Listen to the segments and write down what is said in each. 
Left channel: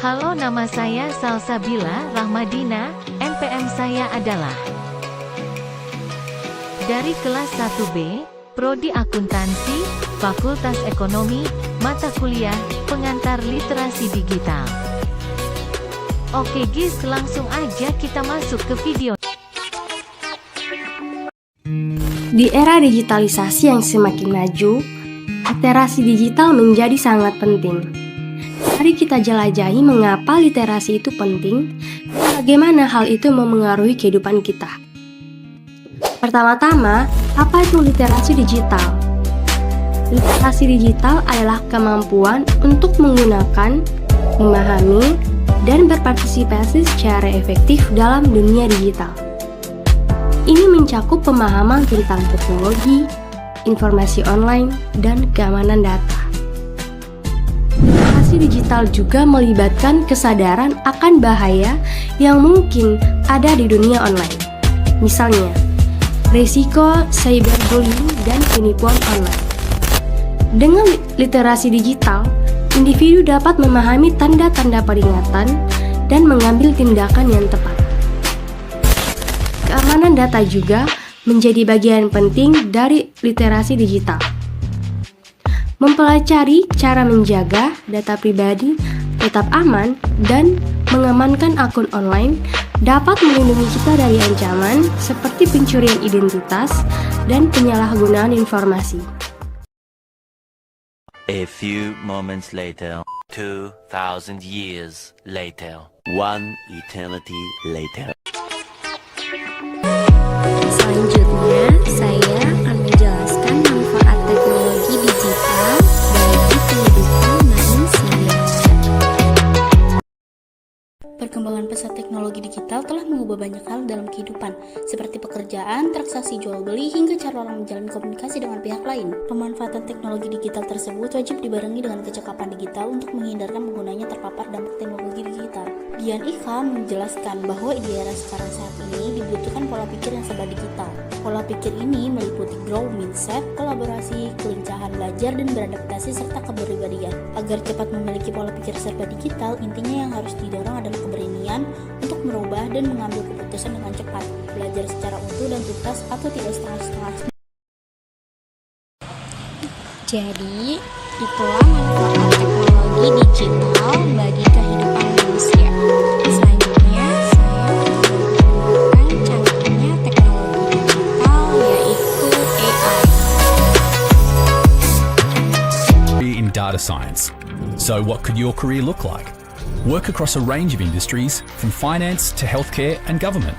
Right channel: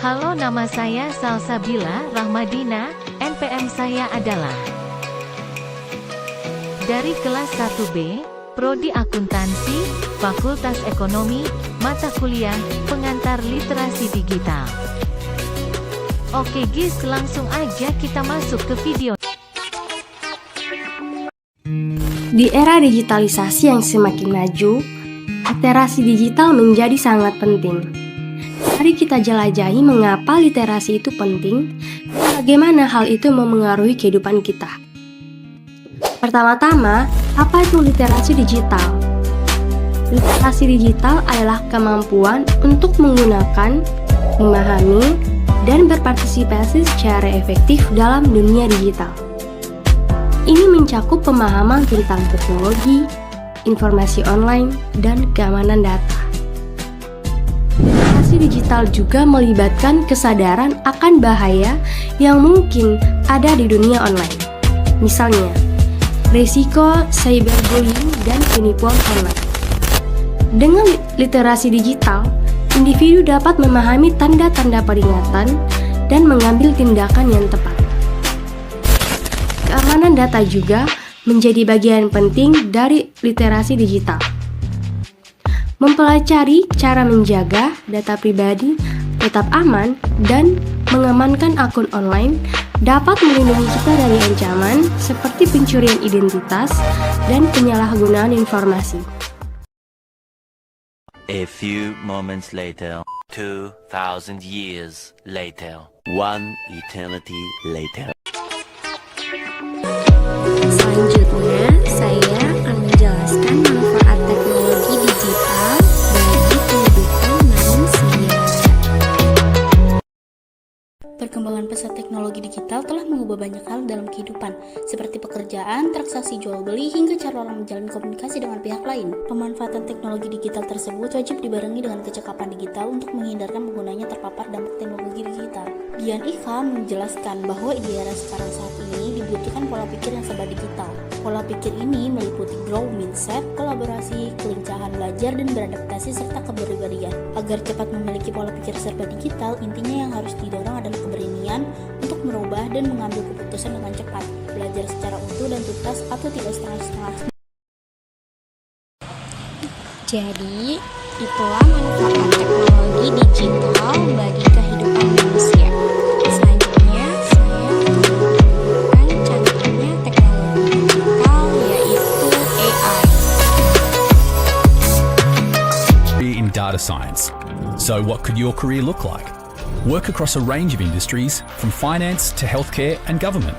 Halo, nama saya Salsabila Rahmadina, NPM saya adalah dari kelas 1B, Prodi Akuntansi, Fakultas Ekonomi, mata kuliah, pengantar literasi digital. Oke guys, langsung aja kita masuk ke video. Di era digitalisasi yang semakin maju, literasi digital menjadi sangat penting. Mari kita jelajahi mengapa literasi itu penting dan bagaimana hal itu memengaruhi kehidupan kita. Pertama-tama, apa itu literasi digital? Literasi digital adalah kemampuan untuk menggunakan, memahami, dan berpartisipasi secara efektif dalam dunia digital. Ini mencakup pemahaman tentang teknologi, informasi online, dan keamanan data. Literasi digital juga melibatkan kesadaran akan bahaya yang mungkin ada di dunia online. Misalnya, risiko cyberbullying dan penipuan online. Dengan literasi digital, individu dapat memahami tanda-tanda peringatan dan mengambil tindakan yang tepat. Keamanan data juga menjadi bagian penting dari literasi digital. Mempelajari cara menjaga data pribadi tetap aman dan mengamankan akun online dapat melindungi kita dari ancaman seperti pencurian identitas dan penyalahgunaan informasi. A few moments later, 2,000 years later, one eternity later. Selanjutnya, saya akan menjelaskan manfaat teknologi digital bagi kehidupan manusia. Perkembangan pesat teknologi digital telah mengubah banyak hal dalam kehidupan, seperti pekerjaan, transaksi jual beli, hingga cara orang menjalin komunikasi dengan pihak lain. Pemanfaatan teknologi digital tersebut wajib dibarengi dengan kecakapan digital untuk menghindarkan penggunanya terpapar dampak teknologi digital. Dian Ika menjelaskan bahwa di era sekarang saat ini dibutuhkan pola pikir yang serba digital. Pola pikir ini meliputi growth mindset, kolaborasi, kelincahan belajar dan beradaptasi, serta kepribadian. Agar cepat memiliki pola pikir serba digital, intinya yang harus didorong adalah keberanian untuk merubah dan mengambil keputusan dengan cepat, belajar secara utuh dan tuntas atau tidak setengah-setengah. Jadi, itulah manfaat teknologi digital bagi kehidupan manusia. Selanjutnya, saya akan menunjukkan canggihnya teknologi digital, yaitu AI. In data science. So what could your career look like? Work across a range of industries, from finance to healthcare and government.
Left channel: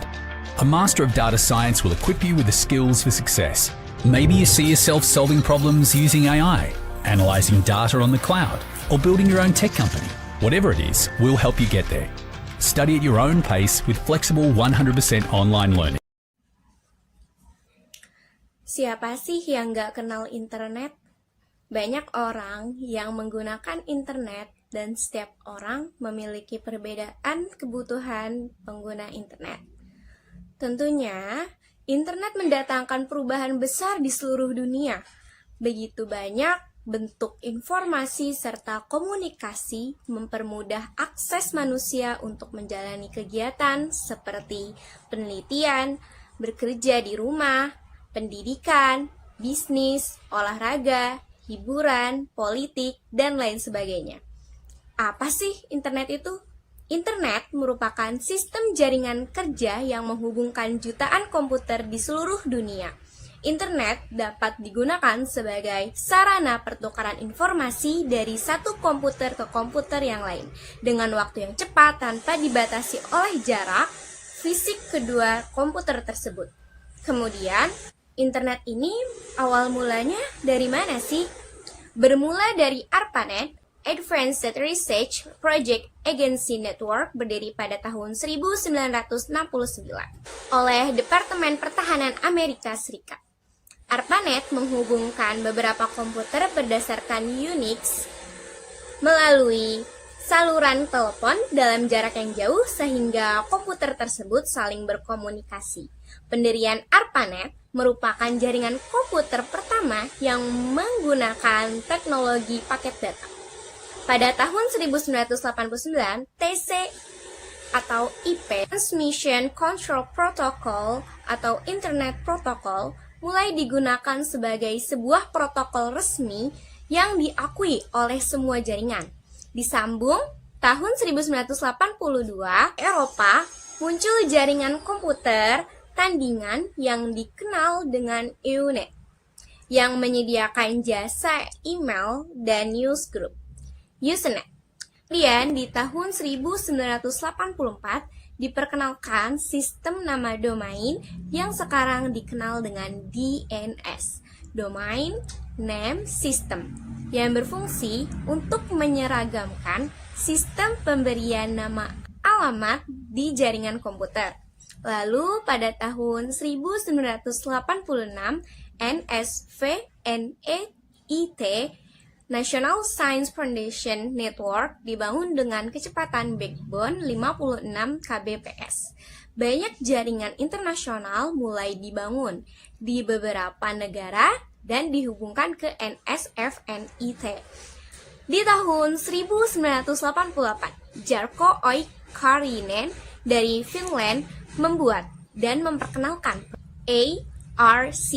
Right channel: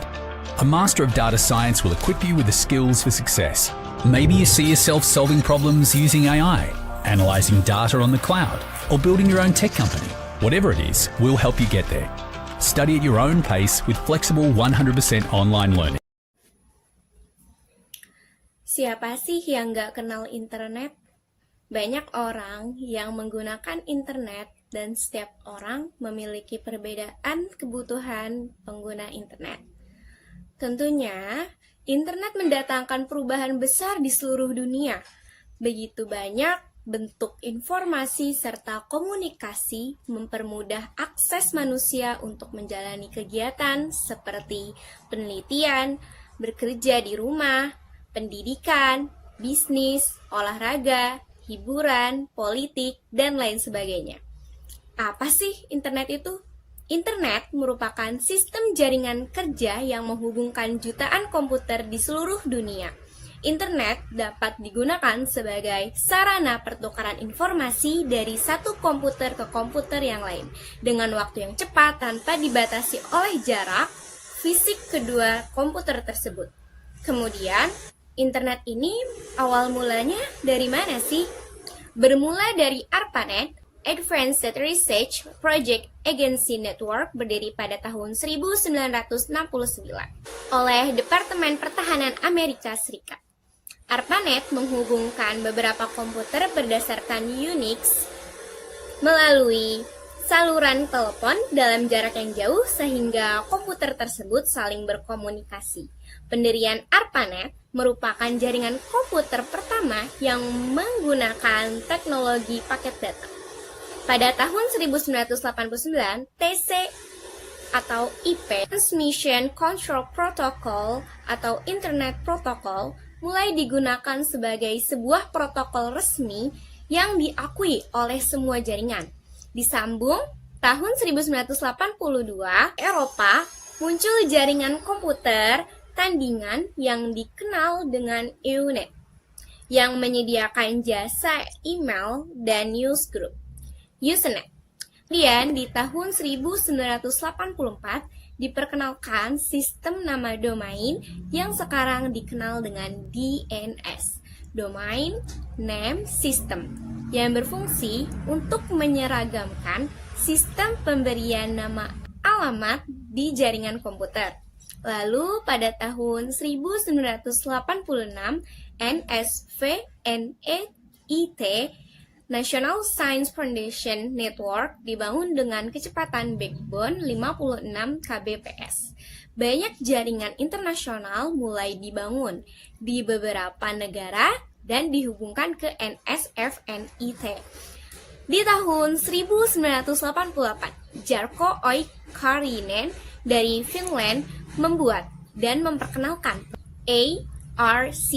A Master of Data Science will equip you with the skills for success. Maybe you see yourself solving problems using AI, analysing data on the cloud, or building your own tech company. Whatever it is, we'll help you get there. Study at your own pace with flexible 100% online learning. Siapa sih yang nggak kenal internet? Banyak orang yang menggunakan internet dan setiap orang memiliki perbedaan kebutuhan pengguna internet. Tentunya, internet mendatangkan perubahan besar di seluruh dunia. Begitu banyak bentuk informasi serta komunikasi mempermudah akses manusia untuk menjalani kegiatan seperti penelitian, bekerja di rumah, pendidikan, bisnis, olahraga, hiburan, politik, dan lain sebagainya. Apa sih internet itu? Internet merupakan sistem jaringan kerja yang menghubungkan jutaan komputer di seluruh dunia. Internet dapat digunakan sebagai sarana pertukaran informasi dari satu komputer ke komputer yang lain dengan waktu yang cepat tanpa dibatasi oleh jarak fisik kedua komputer tersebut. Kemudian, internet ini awal mulanya dari mana sih? Bermula dari ARPANET, Advanced Research Project Agency Network, berdiri pada tahun 1969 oleh Departemen Pertahanan Amerika Serikat. ARPANET menghubungkan beberapa komputer berdasarkan Unix melalui saluran telepon dalam jarak yang jauh sehingga komputer tersebut saling berkomunikasi. Pendirian ARPANET merupakan jaringan komputer pertama yang menggunakan teknologi paket data. Pada tahun 1989, TC atau IP, Transmission Control Protocol atau Internet Protocol, mulai digunakan sebagai sebuah protokol resmi yang diakui oleh semua jaringan. Disambung, tahun 1982, Eropa muncul jaringan komputer tandingan yang dikenal dengan EUNET, yang menyediakan jasa email dan newsgroup, Usenet. Kemudian di tahun 1984 diperkenalkan sistem nama domain yang sekarang dikenal dengan DNS, Domain Name System, yang berfungsi untuk menyeragamkan sistem pemberian nama alamat di jaringan komputer. Lalu pada tahun 1986, NSVNET National Science Foundation Network dibangun dengan kecepatan backbone 56 kbps. Banyak jaringan internasional mulai dibangun di beberapa negara dan dihubungkan ke NSFNET. Di tahun 1988, Jarkko Oikarinen dari Finland membuat dan memperkenalkan ARC,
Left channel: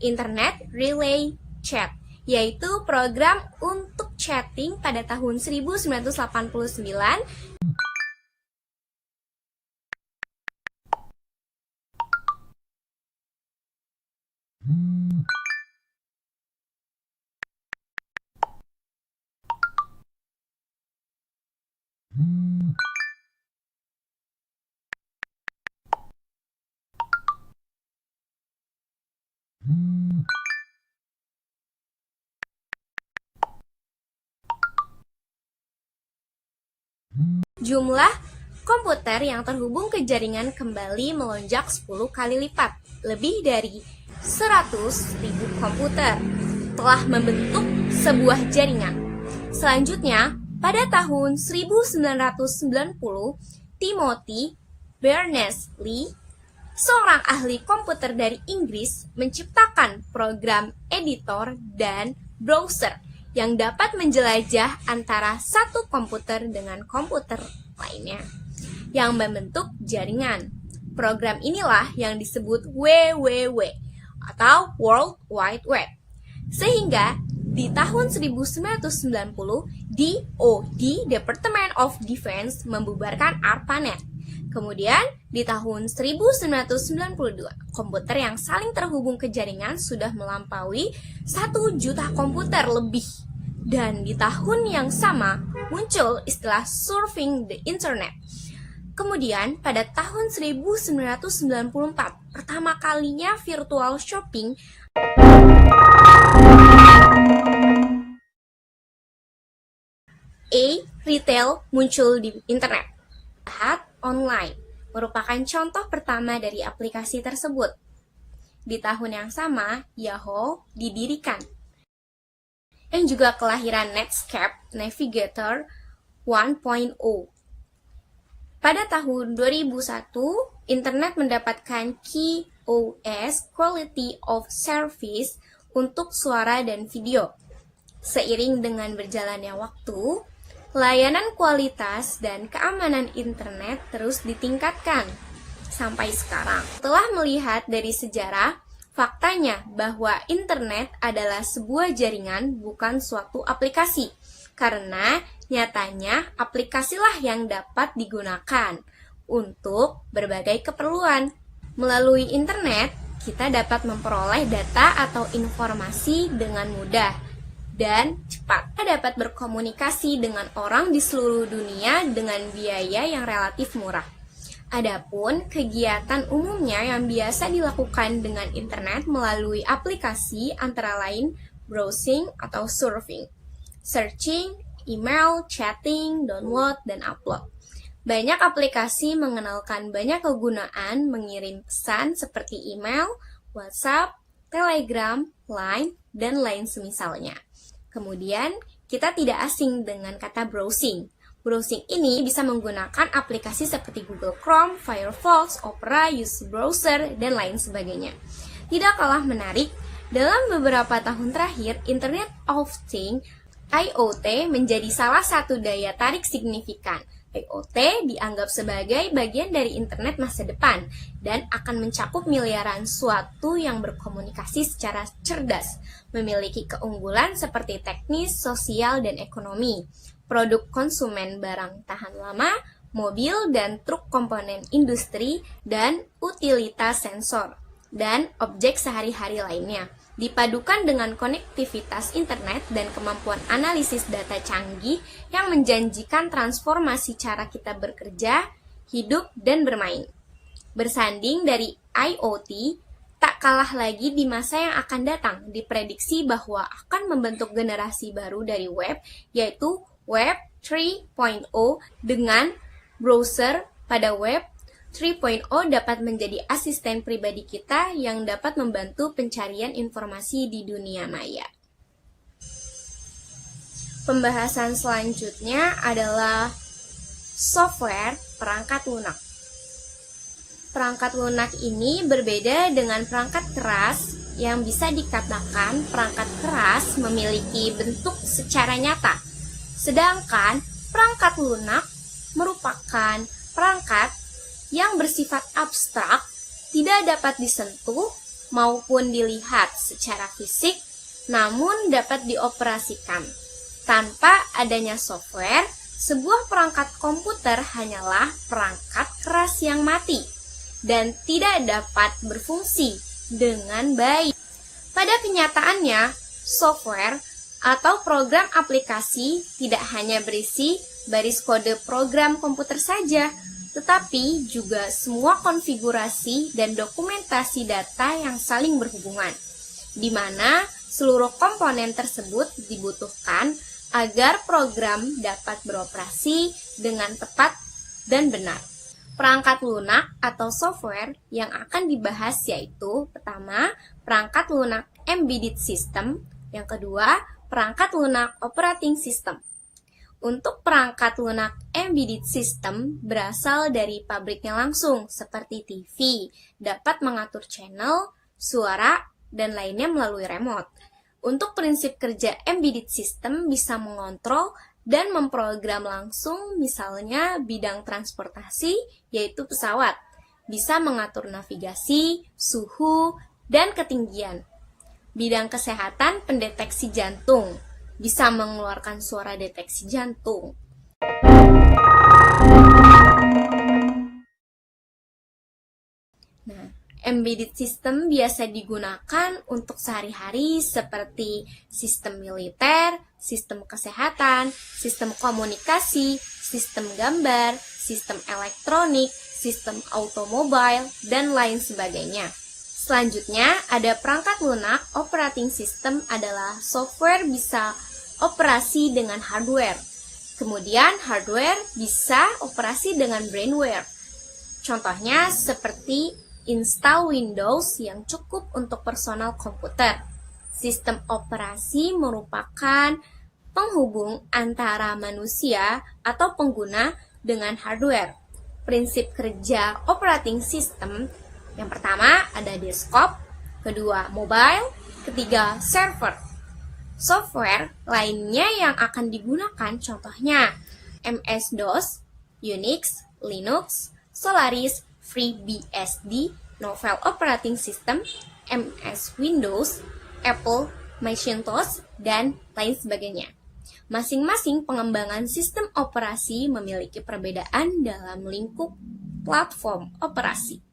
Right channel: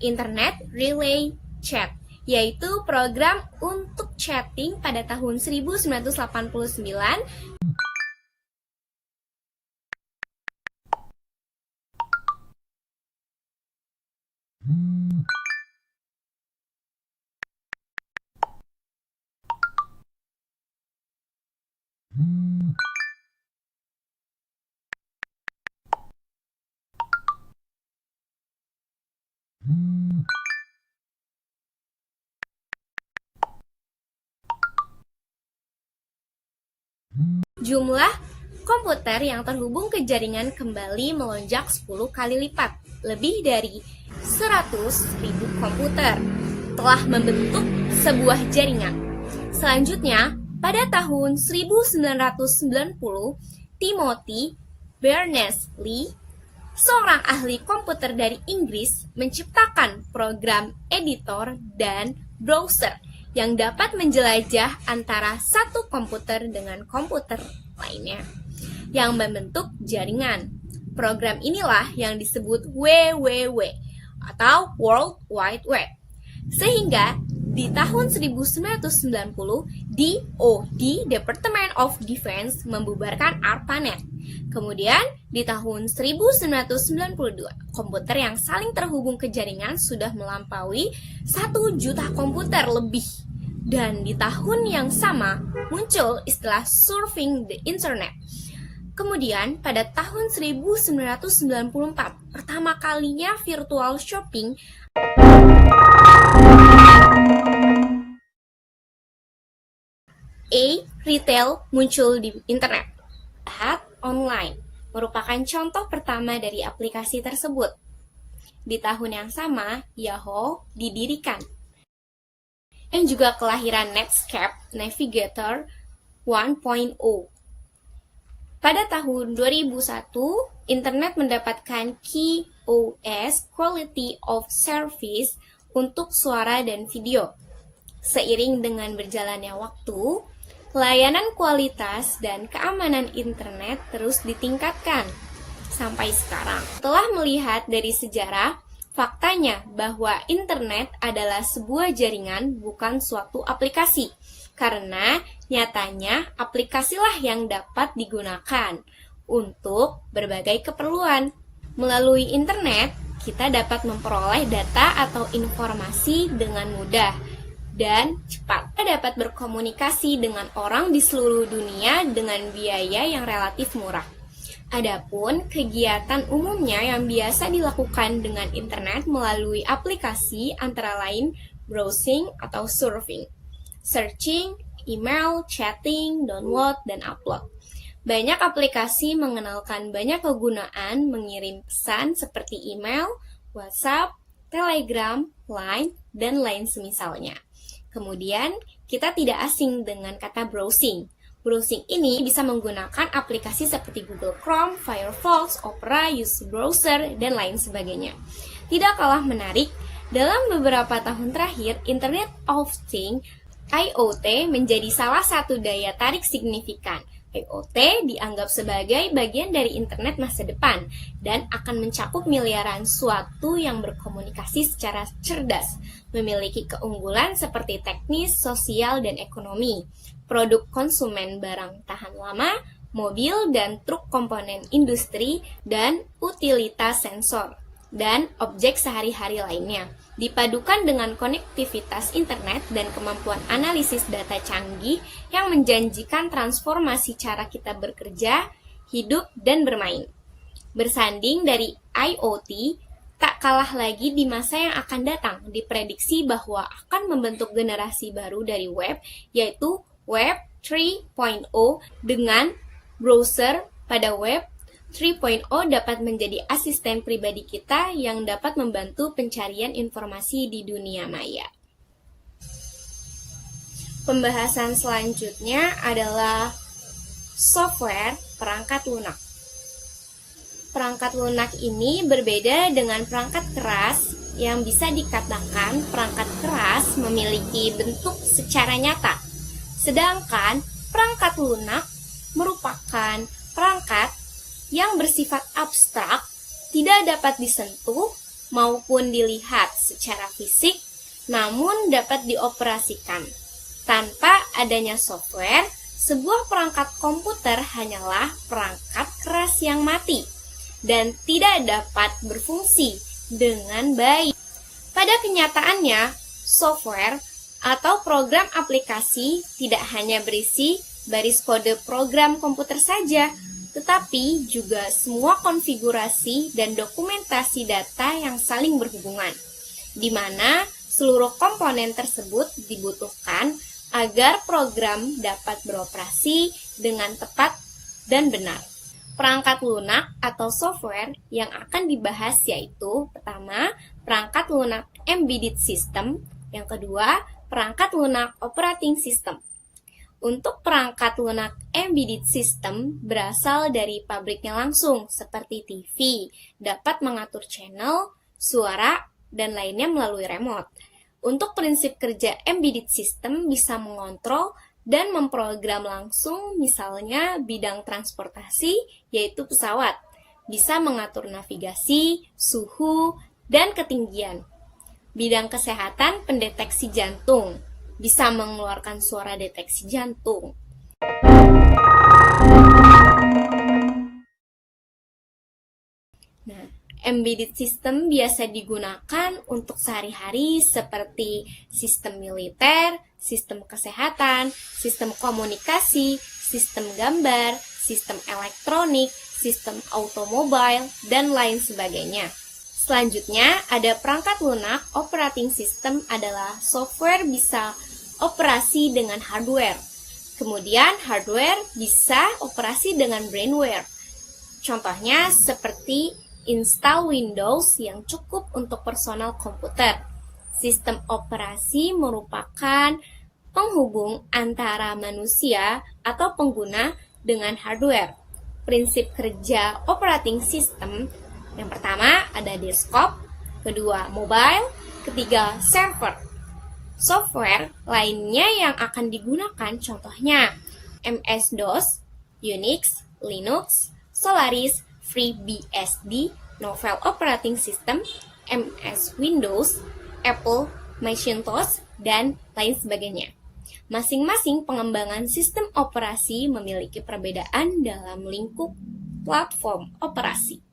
Internet Relay Chat, yaitu program untuk chatting pada tahun 1989. Jumlah komputer yang terhubung ke jaringan kembali melonjak 10 kali lipat. Lebih dari 100.000 komputer telah membentuk sebuah jaringan. Selanjutnya, pada tahun 1990, Timothy Berners-Lee, seorang ahli komputer dari Inggris, menciptakan program editor dan browser yang dapat menjelajah antara satu komputer dengan komputer lainnya, yang membentuk jaringan. Program inilah yang disebut WWW atau World Wide Web. Sehingga di tahun 1990, DoD, Department of Defense, membubarkan ARPANET. Kemudian di tahun 1992, komputer yang saling terhubung ke jaringan sudah melampaui 1 juta komputer lebih. Dan di tahun yang sama muncul istilah surfing the internet. Kemudian pada tahun 1994, pertama kalinya virtual shopping retail muncul di internet. Online merupakan contoh pertama dari aplikasi tersebut. Di tahun yang sama, Yahoo didirikan. Dan juga kelahiran Netscape Navigator 1.0. Pada tahun 2001, internet mendapatkan QoS, Quality of Service, untuk suara dan video. Seiring dengan berjalannya waktu, layanan kualitas dan keamanan internet terus ditingkatkan. Sampai sekarang, telah melihat dari sejarah, faktanya bahwa internet adalah sebuah jaringan, bukan suatu aplikasi. Karena nyatanya aplikasilah yang dapat digunakan untuk berbagai keperluan. Melalui internet, kita dapat memperoleh data atau informasi dengan mudah dan cepat. Kita dapat berkomunikasi dengan orang di seluruh dunia dengan biaya yang relatif murah. Adapun kegiatan umumnya yang biasa dilakukan dengan internet melalui aplikasi antara lain browsing atau surfing, searching, email, chatting, download, dan upload. Banyak aplikasi mengenalkan banyak kegunaan mengirim pesan seperti email, WhatsApp, Telegram, Line, dan lain semisalnya. Kemudian, kita tidak asing dengan kata browsing. Browsing ini bisa menggunakan aplikasi seperti Google Chrome, Firefox, Opera, UC Browser, dan lain sebagainya. Tidak kalah menarik, dalam beberapa tahun terakhir, Internet of Things IoT menjadi salah satu daya tarik signifikan. IoT dianggap sebagai bagian dari internet masa depan dan akan mencakup miliaran suatu yang berkomunikasi secara cerdas, memiliki keunggulan seperti teknis, sosial, dan ekonomi. Produk konsumen barang tahan lama, mobil dan truk komponen industri, dan utilitas sensor dan objek sehari-hari lainnya. Dipadukan dengan konektivitas internet dan kemampuan analisis data canggih yang menjanjikan transformasi cara kita bekerja, hidup, dan bermain. Bersanding dari IoT, tak kalah lagi di masa yang akan datang, diprediksi bahwa akan membentuk generasi baru dari web, yaitu Web 3.0 dengan browser pada Web 3.0 dapat menjadi asisten pribadi kita yang dapat membantu pencarian informasi di dunia maya. Pembahasan selanjutnya adalah software perangkat lunak. Perangkat lunak ini berbeda dengan perangkat keras yang bisa dikatakan perangkat keras memiliki bentuk secara nyata. Sedangkan perangkat lunak merupakan perangkat yang bersifat abstrak, tidak dapat disentuh maupun dilihat secara fisik, namun dapat dioperasikan. Tanpa adanya software, sebuah perangkat komputer hanyalah perangkat keras yang mati dan tidak dapat berfungsi dengan baik. Pada kenyataannya, software atau program aplikasi tidak hanya berisi baris kode program komputer saja, tetapi juga semua konfigurasi dan dokumentasi data yang saling berhubungan, di mana seluruh komponen tersebut dibutuhkan agar program dapat beroperasi dengan tepat dan benar. Perangkat lunak atau software yang akan dibahas yaitu pertama, perangkat lunak embedded system, yang kedua, perangkat lunak operating system. Untuk perangkat lunak embedded system berasal dari pabriknya langsung, seperti TV, dapat mengatur channel, suara, dan lainnya melalui remote. Untuk prinsip kerja embedded system bisa mengontrol dan memprogram langsung, misalnya bidang transportasi, yaitu pesawat, bisa mengatur navigasi, suhu, dan ketinggian. Bidang kesehatan pendeteksi jantung, bisa mengeluarkan suara deteksi jantung. Nah, embedded system biasa digunakan untuk sehari-hari seperti sistem militer, sistem kesehatan, sistem komunikasi, sistem gambar, sistem elektronik, sistem automobil, dan lain sebagainya. Selanjutnya, ada perangkat lunak operating system adalah software bisa operasi dengan hardware. Kemudian, hardware bisa operasi dengan brainware. Contohnya seperti install Windows yang cukup untuk personal komputer. Sistem operasi merupakan penghubung antara manusia atau pengguna dengan hardware. Prinsip kerja operating system yang pertama ada desktop, kedua mobile, ketiga server. Software lainnya yang akan digunakan contohnya MS-DOS, Unix, Linux, Solaris, FreeBSD, Novel Operating System, MS Windows, Apple, Macintosh, dan lain sebagainya. Masing-masing pengembangan sistem operasi memiliki perbedaan dalam lingkup platform operasi.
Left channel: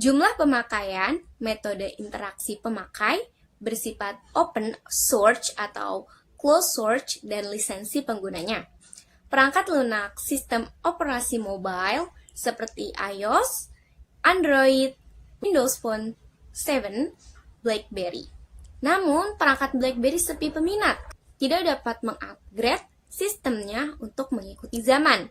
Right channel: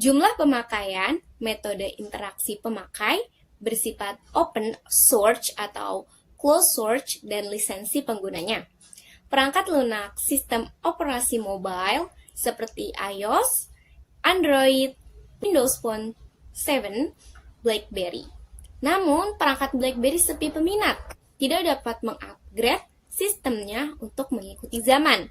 Jumlah pemakaian, metode interaksi pemakai, bersifat open source atau closed source, dan lisensi penggunanya. Perangkat lunak sistem operasi mobile seperti iOS, Android, Windows Phone 7, BlackBerry. Namun, perangkat BlackBerry sepi peminat, tidak dapat mengupgrade sistemnya untuk mengikuti zaman.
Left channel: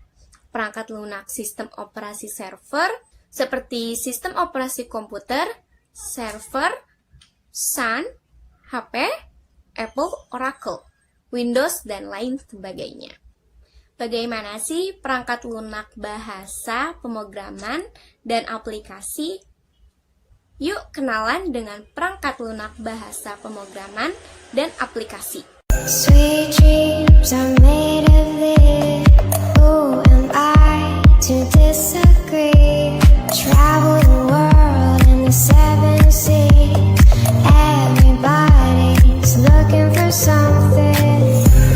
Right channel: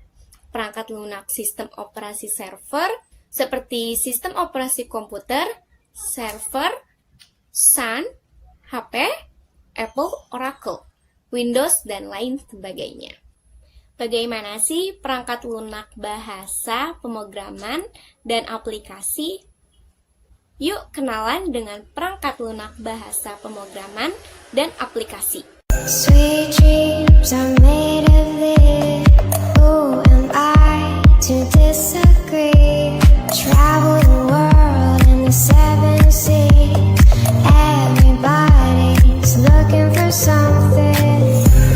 Perangkat lunak sistem operasi server seperti sistem operasi komputer, server, Sun, HP, Apple, Oracle, Windows, dan lain sebagainya. Bagaimana sih perangkat lunak bahasa, pemrograman, dan aplikasi? Yuk kenalan dengan perangkat lunak bahasa, pemrograman, dan aplikasi. Sweet dreams are made of this. Who am I to disagree? Travel the world and the seven seas. Everybody's looking for something.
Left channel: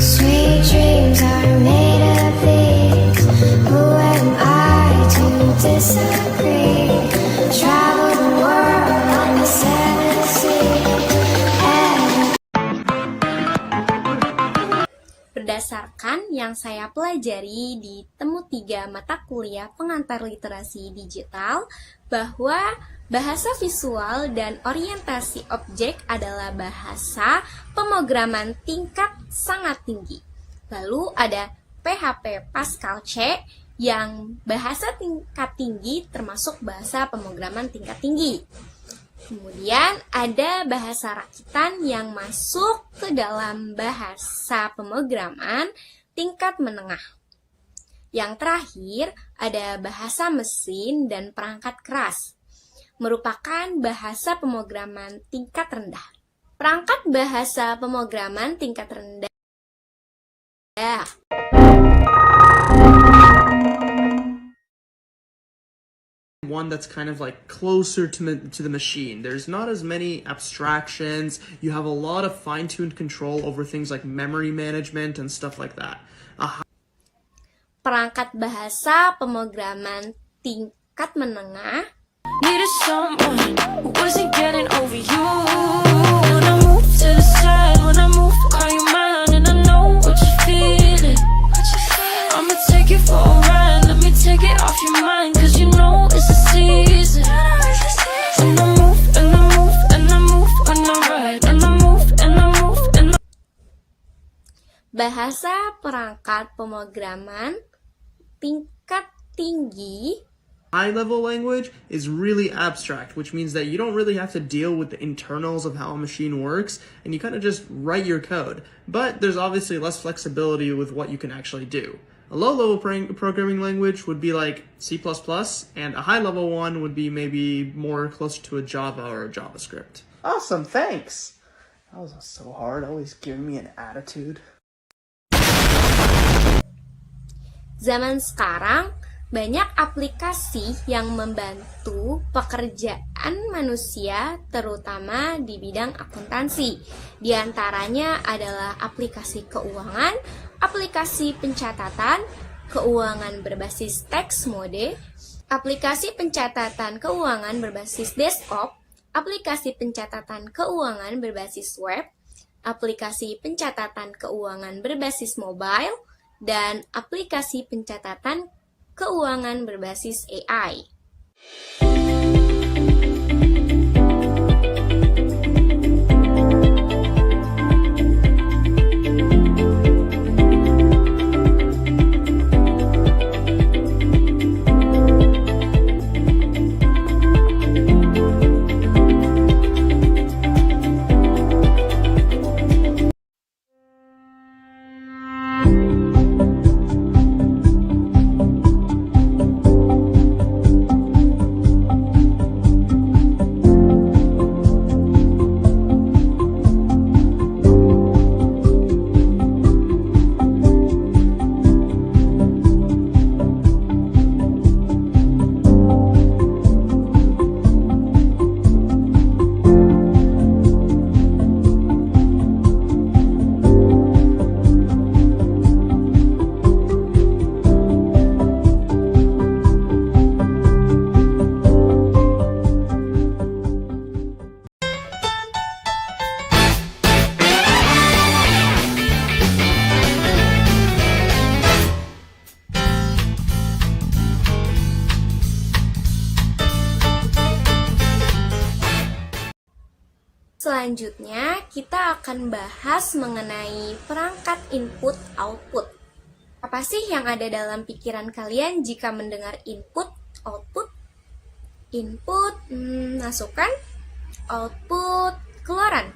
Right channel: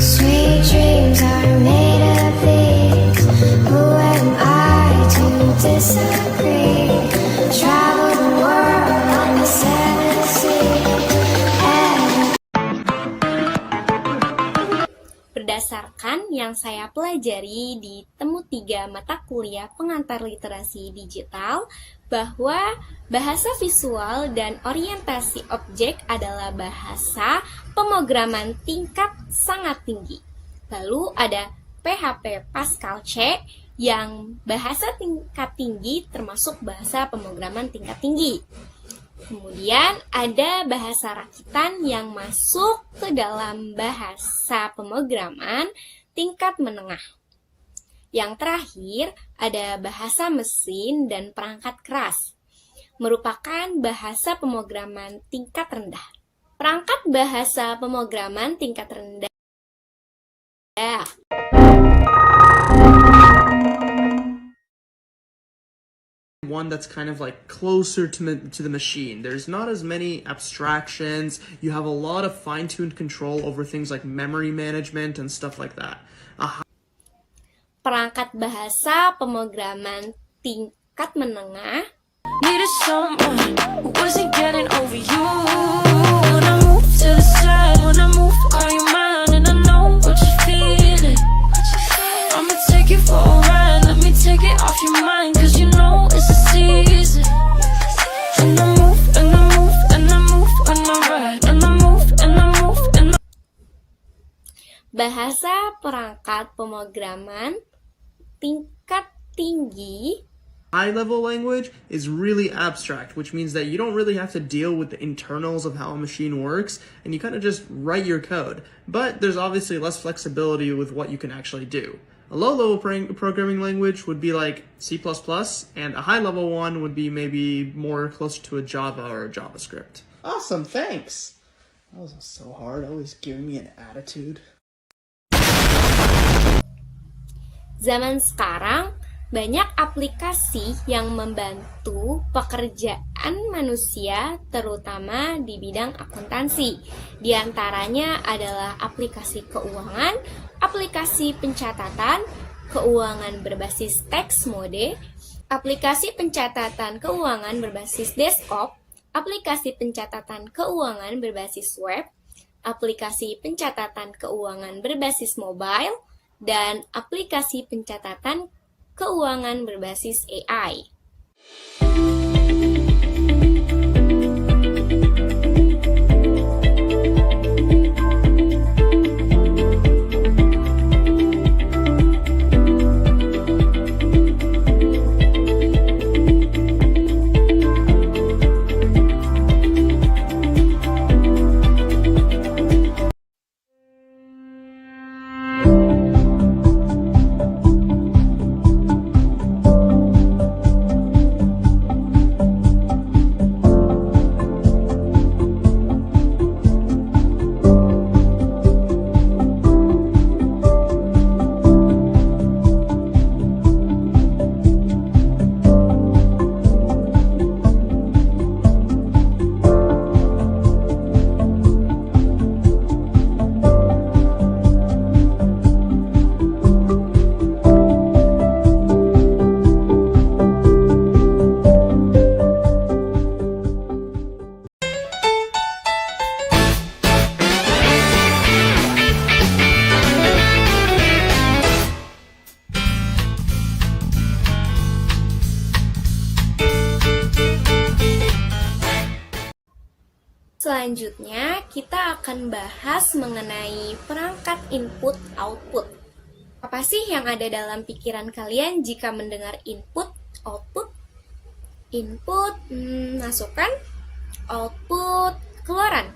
Sweet dreams are made of these. Who am I to disagree? Travel the world and the seven seas. Berdasarkan yang saya pelajari di Temu 3 mata kuliah pengantar literasi digital, bahwa bahasa visual dan orientasi objek adalah bahasa pemrograman tingkat sangat tinggi. Lalu ada PHP Pascal C yang bahasa tingkat tinggi termasuk bahasa pemrograman tingkat tinggi. Kemudian ada bahasa rakitan yang masuk ke dalam bahasa pemrograman tingkat menengah. Yang terakhir ada bahasa mesin dan perangkat keras, merupakan bahasa pemrograman tingkat rendah. Perangkat bahasa pemrograman tingkat rendah one that's kind of like closer to the machine. There's not as many abstractions. You have a lot of fine-tuned control over things like memory management and stuff like that. perangkat bahasa pemrograman tingkat menengah Needed someone who wasn't getting over you. When I move to the side, when I move, call you mine, and I know what you're feeling. I'ma take you for a ride, let me take it off your mind, cause you know it's a season. And I move, and I move, and I move, and I ride, and I move, and I move, and I... bahasa perangkat pemrograman tingkat tinggi. High-level language is really abstract, which means that you don't really have to deal with the internals of how a machine works, and you kind of just write your code. But there's obviously less flexibility with what you can actually do. A low-level programming language would be like C++, and a high-level one would be maybe more closer to a Java or a JavaScript. Awesome, thanks! That was so hard, always giving me an attitude. Zaman sekarang, banyak aplikasi yang membantu pekerjaan manusia, terutama di bidang akuntansi. Di antaranya adalah aplikasi keuangan, aplikasi pencatatan, keuangan berbasis teks mode, aplikasi pencatatan keuangan berbasis desktop, aplikasi pencatatan keuangan berbasis web, aplikasi pencatatan keuangan berbasis mobile, dan aplikasi pencatatan keuangan berbasis AI. Selanjutnya, kita akan bahas mengenai perangkat input-output. Apa sih yang ada dalam pikiran kalian jika mendengar input-output? Input, masukan, output, keluaran.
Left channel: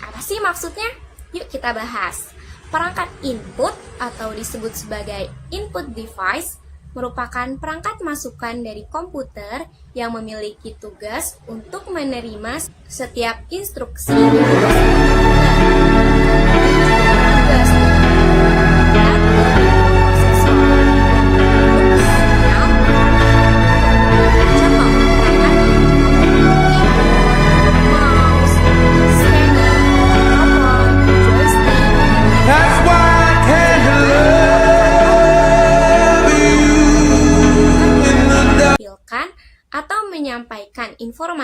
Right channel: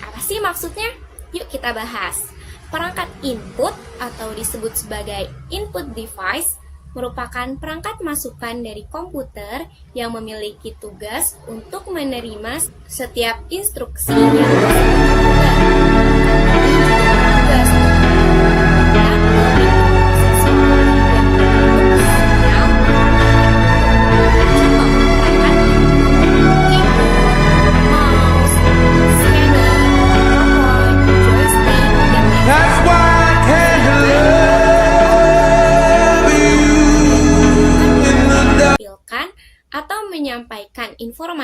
Apa sih maksudnya? Yuk kita bahas. Perangkat input atau disebut sebagai input device merupakan perangkat masukan dari komputer yang memiliki tugas untuk menerima setiap instruksi.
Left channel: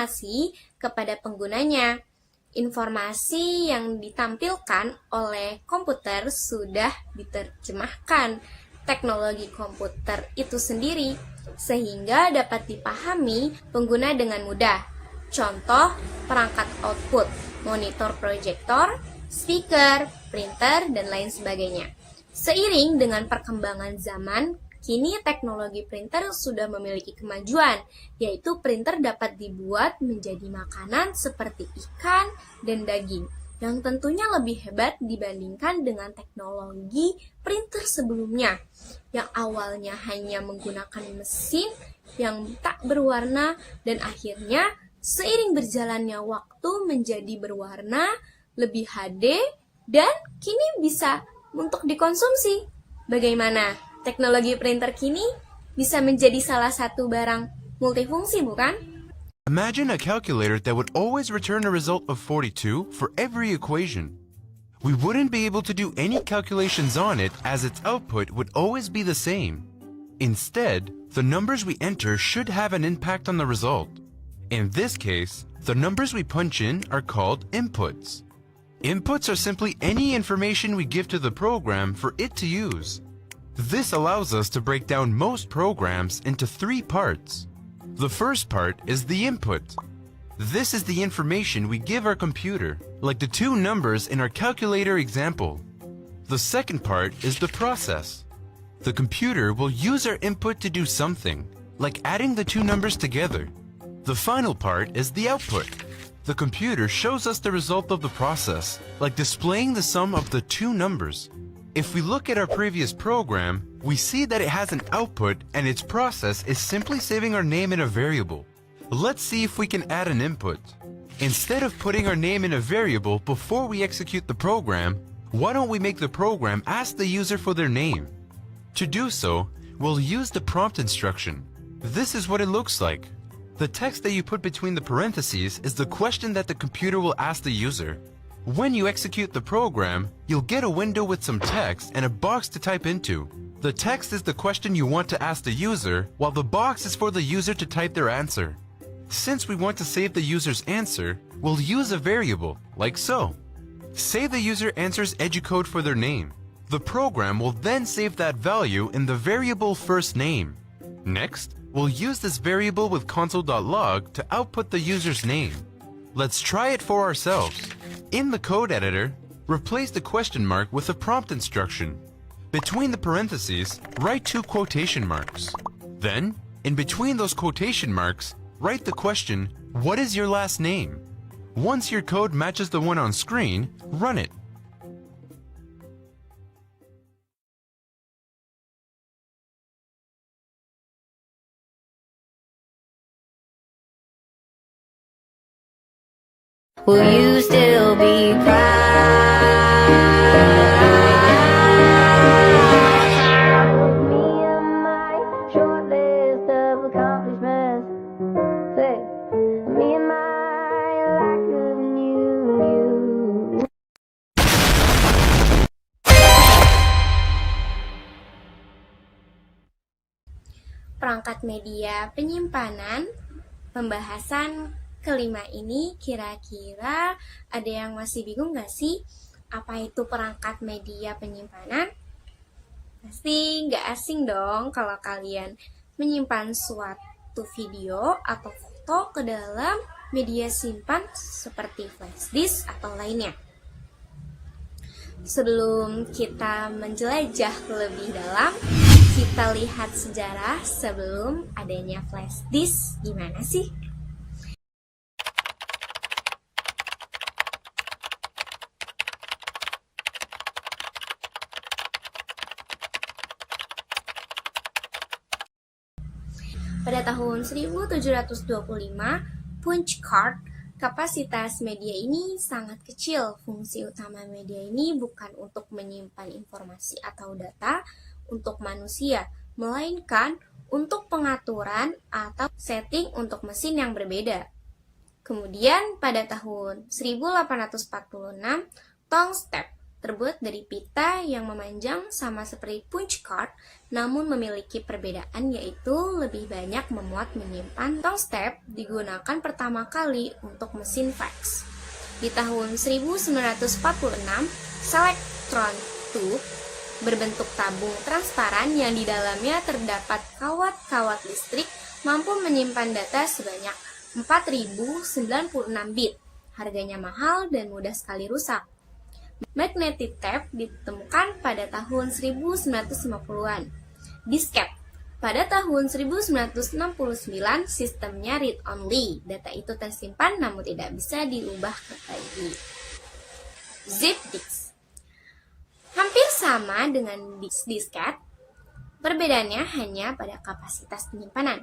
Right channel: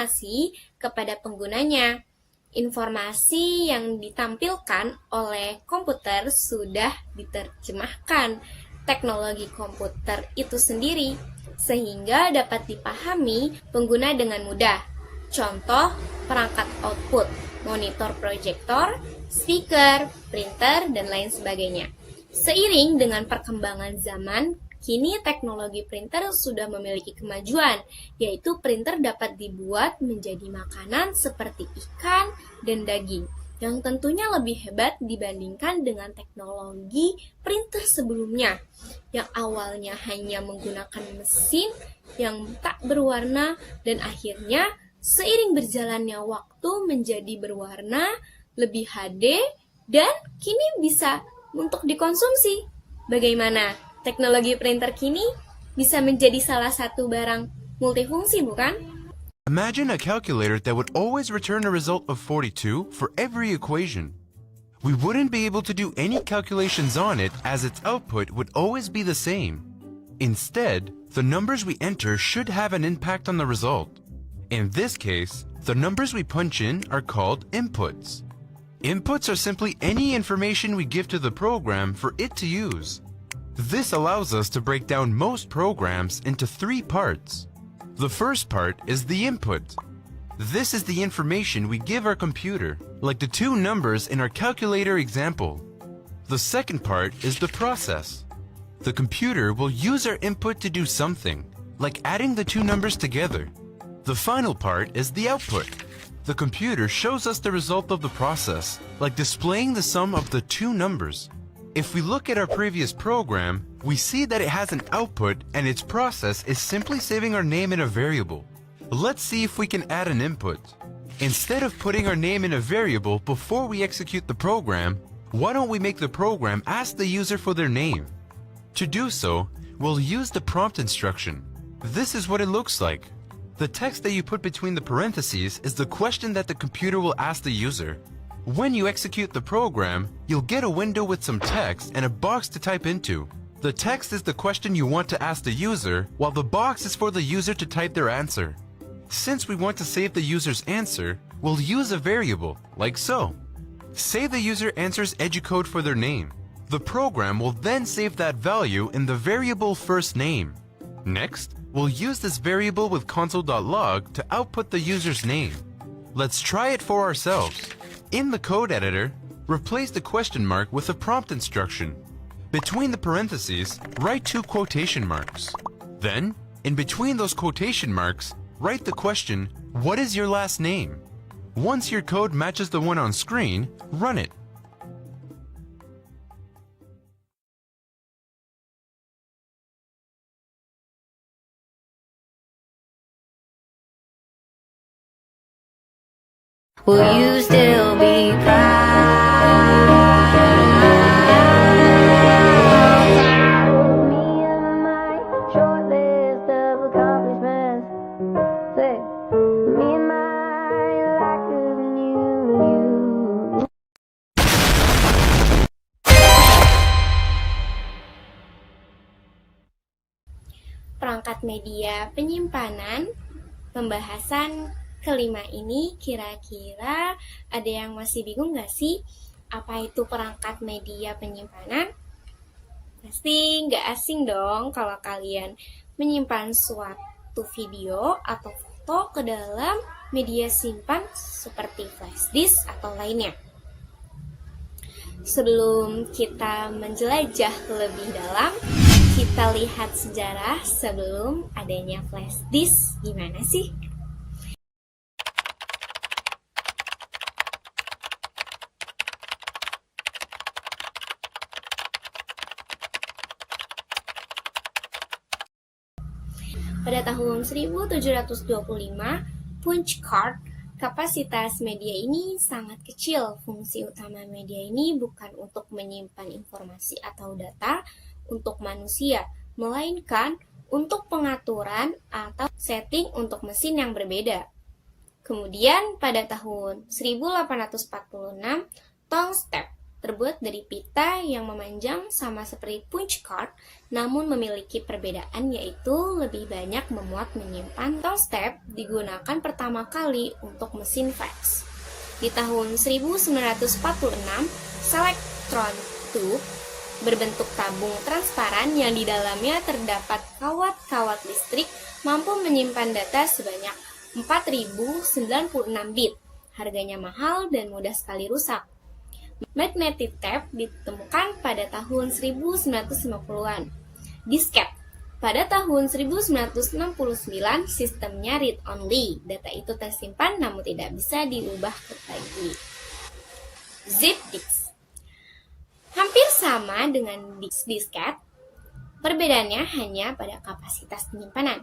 informasi kepada penggunanya. Informasi yang ditampilkan oleh komputer sudah diterjemahkan teknologi komputer itu sendiri, sehingga dapat dipahami pengguna dengan mudah. Contoh, perangkat output, monitor proyektor, speaker, printer, dan lain sebagainya. Seiring dengan perkembangan zaman, kini teknologi printer sudah memiliki kemajuan, yaitu printer dapat dibuat menjadi makanan seperti ikan dan daging, yang tentunya lebih hebat dibandingkan dengan teknologi printer sebelumnya, yang awalnya hanya menggunakan mesin yang tak berwarna dan akhirnya seiring berjalannya waktu menjadi berwarna, lebih HD, dan kini bisa untuk dikonsumsi. Bagaimana? Teknologi printer kini bisa menjadi salah satu barang multifungsi, bukan? Imagine a calculator that would always return a result of 42 for every equation. We wouldn't be able to do any calculations on it as its output would always be the same. Instead, the numbers we enter should have an impact on the result. In this case, the numbers we punch in are called inputs. Inputs are simply any information we give to the program for it to use. This allows us to break down most programs into 3 parts. The first part is the input. This is the information we give our computer, like the 2 numbers in our calculator example. The second part is the process. The computer will use our input to do something, like adding the 2 numbers together. The final part is the output. The computer shows us the result of the process, like displaying the sum of the 2 numbers. If we look at our previous program, we see that it has an output and its process is simply saving our name in a variable. Let's see if we can add an input. Instead of putting our name in a variable before we execute the program, why don't we make the program ask the user for their name? To do so, we'll use the prompt instruction. This is what it looks like. The text that you put between the parentheses is the question that the computer will ask the user. When you execute the program, you'll get a window with some text and a box to type into. The text is the question you want to ask the user, while the box is for the user to type their answer. Since we want to save the user's answer, we'll use a variable, like so. Say the user answers educode for their name. The program will then save that value in the variable first name. Next, we'll use this variable with console.log to output the user's name. Let's try it for ourselves. In the code editor, replace the question mark with a prompt instruction. Between the parentheses, write 2 quotation marks. Then, in between those quotation marks, write the question, "What is your last name?" Once your code matches the one on screen, run it. Will you still be proud? Me and my short list of accomplishments. Say, me and my lack of new. Perangkat media penyimpanan, pembahasan kelima ini kira-kira ada yang masih bingung gak sih? Apa itu perangkat media penyimpanan? Pasti nggak asing dong kalau kalian menyimpan suatu video atau foto ke dalam media simpan seperti flash disk atau lainnya. Sebelum kita menjelajah lebih dalam, kita lihat sejarah sebelum adanya flash disk gimana sih? Pada tahun 1725, punch card, kapasitas media ini sangat kecil. Fungsi utama media ini bukan untuk menyimpan informasi atau data untuk manusia, melainkan untuk pengaturan atau setting untuk mesin yang berbeda. Kemudian pada tahun 1846, tone step terbuat dari pita yang memanjang sama seperti punch card, namun memiliki perbedaan yaitu lebih banyak memuat menyimpan. Tong step digunakan pertama kali untuk mesin fax. Di tahun 1946, Selectron tube berbentuk tabung transparan yang di dalamnya terdapat kawat-kawat listrik mampu menyimpan data sebanyak 4096 bit. Harganya mahal dan mudah sekali rusak. Magnetic tape ditemukan pada tahun 1950-an. Disket. Pada tahun 1969, sistemnya read-only. Data itu tersimpan namun tidak bisa diubah lagi. Zip disk. Hampir sama dengan disket, perbedaannya hanya pada kapasitas penyimpanan.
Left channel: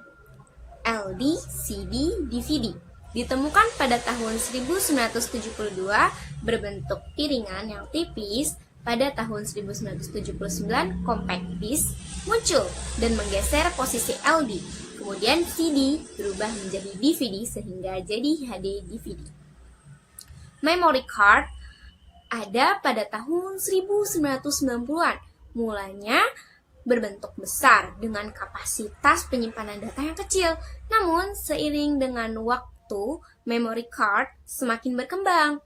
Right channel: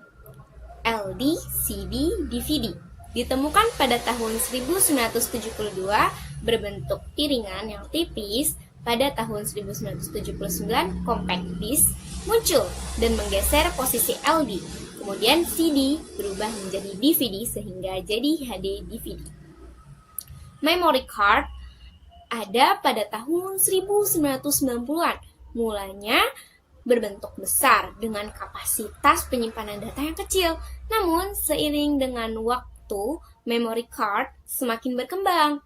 LD, CD, DVD. Ditemukan pada tahun 1972 berbentuk piringan yang tipis. Pada tahun 1979 compact disc muncul dan menggeser posisi LD. Kemudian CD berubah menjadi DVD sehingga jadi HD DVD. Memory card ada pada tahun 1990-an. Mulanya berbentuk besar dengan kapasitas penyimpanan data yang kecil. Namun seiring dengan waktu, memory card semakin berkembang.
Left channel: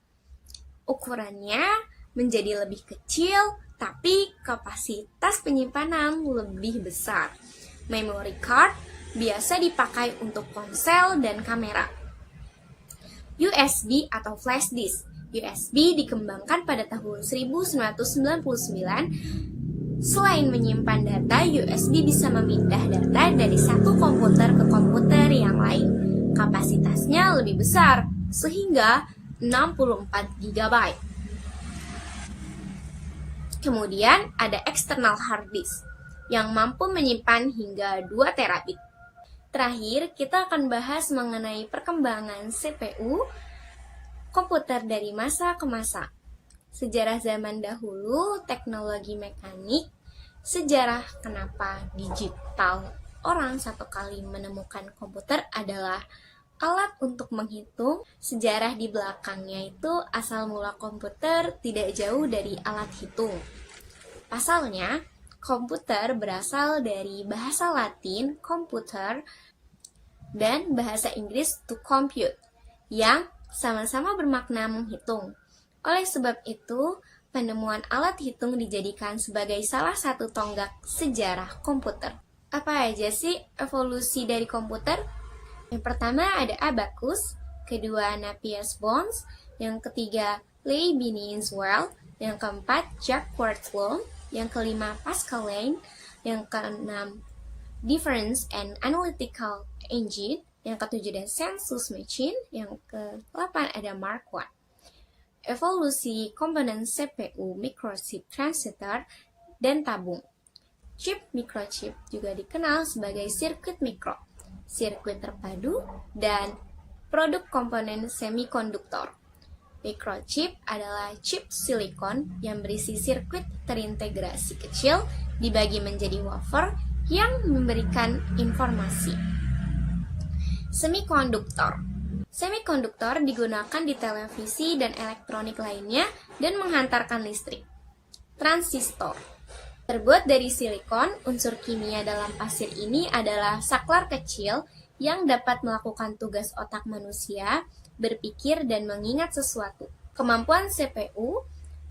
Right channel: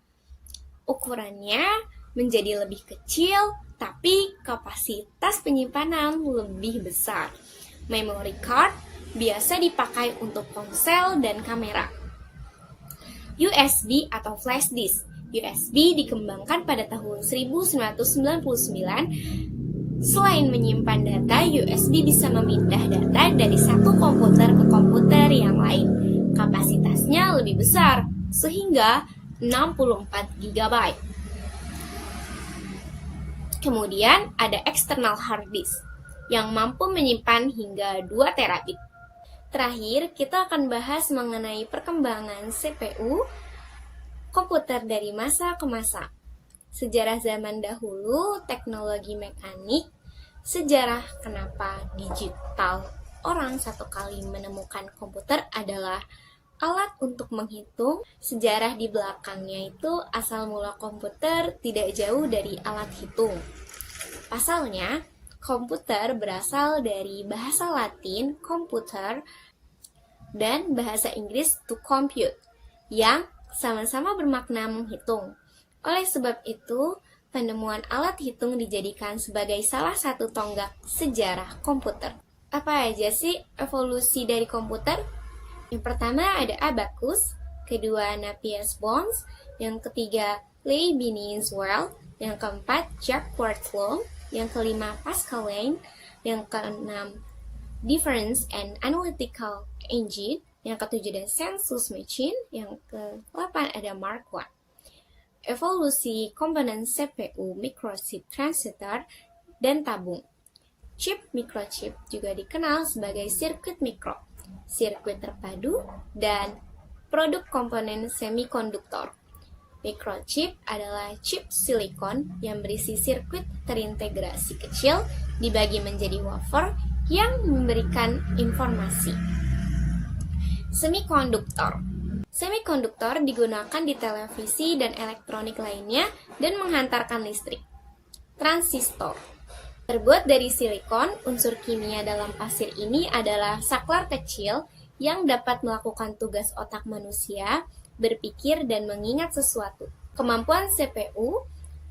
Ukurannya menjadi lebih kecil, tapi kapasitas penyimpanan lebih besar. Memory card biasa dipakai untuk ponsel dan kamera. USB atau flash disk. USB dikembangkan pada tahun 1999. Selain menyimpan data, USB bisa memindah data dari satu komputer ke komputer yang lain. Kapasitasnya lebih besar, sehingga 64 GB. Kemudian ada external hard disk yang mampu menyimpan hingga 2 terabit. Terakhir, kita akan bahas mengenai perkembangan CPU komputer dari masa ke masa. Sejarah zaman dahulu, teknologi mekanik, sejarah kenapa digital. Orang satu kali menemukan komputer adalah alat untuk menghitung. Sejarah di belakangnya itu asal mula komputer tidak jauh dari alat hitung. Pasalnya, komputer berasal dari bahasa Latin computer dan bahasa Inggris to compute yang sama-sama bermakna menghitung. Oleh sebab itu, penemuan alat hitung dijadikan sebagai salah satu tonggak sejarah komputer. Apa aja sih evolusi dari komputer? Yang pertama ada abacus, kedua Napier's bones, yang ketiga Leibniz world, yang keempat Jacques law, yang kelima Pascal Lane, yang keenam difference and analytical engine, yang ketujuh ada census machine, yang ke-8 ada Mark I. Evolusi komponen CPU, microchip, transistor, dan tabung. Chip microchip juga dikenal sebagai sirkuit mikro, sirkuit terpadu, dan produk komponen semikonduktor. Microchip adalah chip silikon yang berisi sirkuit terintegrasi kecil dibagi menjadi wafer yang memberikan informasi. Semikonduktor. Semikonduktor digunakan di televisi dan elektronik lainnya dan menghantarkan listrik. Transistor. Terbuat dari silikon, unsur kimia dalam pasir ini adalah saklar kecil yang dapat melakukan tugas otak manusia, berpikir dan mengingat sesuatu. Kemampuan CPU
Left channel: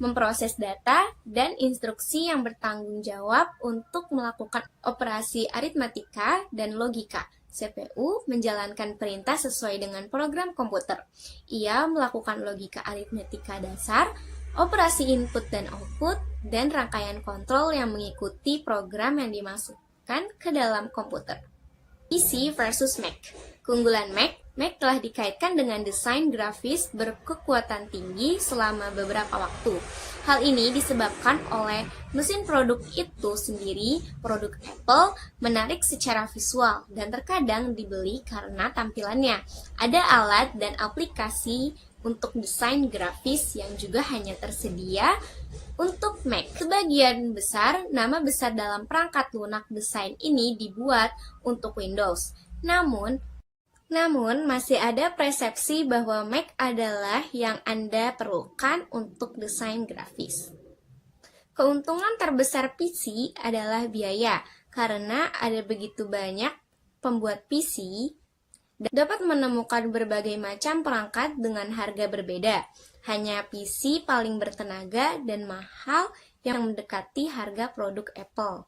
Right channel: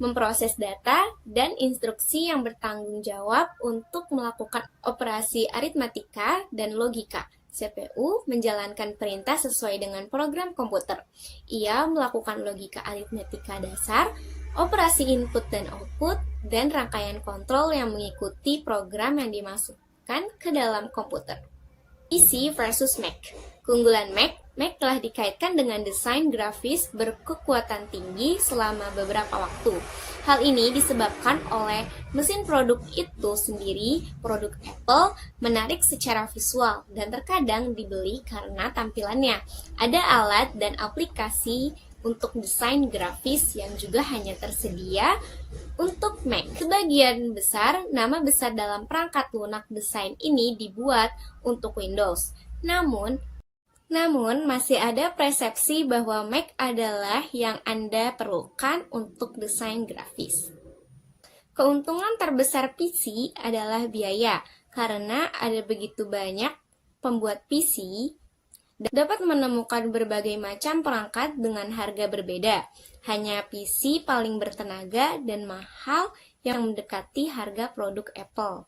memproses data dan instruksi yang bertanggung jawab untuk melakukan operasi aritmatika dan logika. CPU menjalankan perintah sesuai dengan program komputer. Ia melakukan logika aritmatika dasar, operasi input dan output, dan rangkaian kontrol yang mengikuti program yang dimasukkan ke dalam komputer. PC versus Mac. Keunggulan Mac telah dikaitkan dengan desain grafis berkekuatan tinggi selama beberapa waktu. Hal ini disebabkan oleh mesin produk itu sendiri, produk Apple, menarik secara visual dan terkadang dibeli karena tampilannya. Ada alat dan aplikasi untuk desain grafis yang juga hanya tersedia untuk Mac. Sebagian besar nama besar dalam perangkat lunak desain ini dibuat untuk Windows. Namun masih ada persepsi bahwa Mac adalah yang Anda perlukan untuk desain grafis. Keuntungan terbesar PC adalah biaya, karena ada begitu banyak pembuat PC dapat menemukan berbagai macam perangkat dengan harga berbeda. Hanya PC paling bertenaga dan mahal yang mendekati harga produk Apple.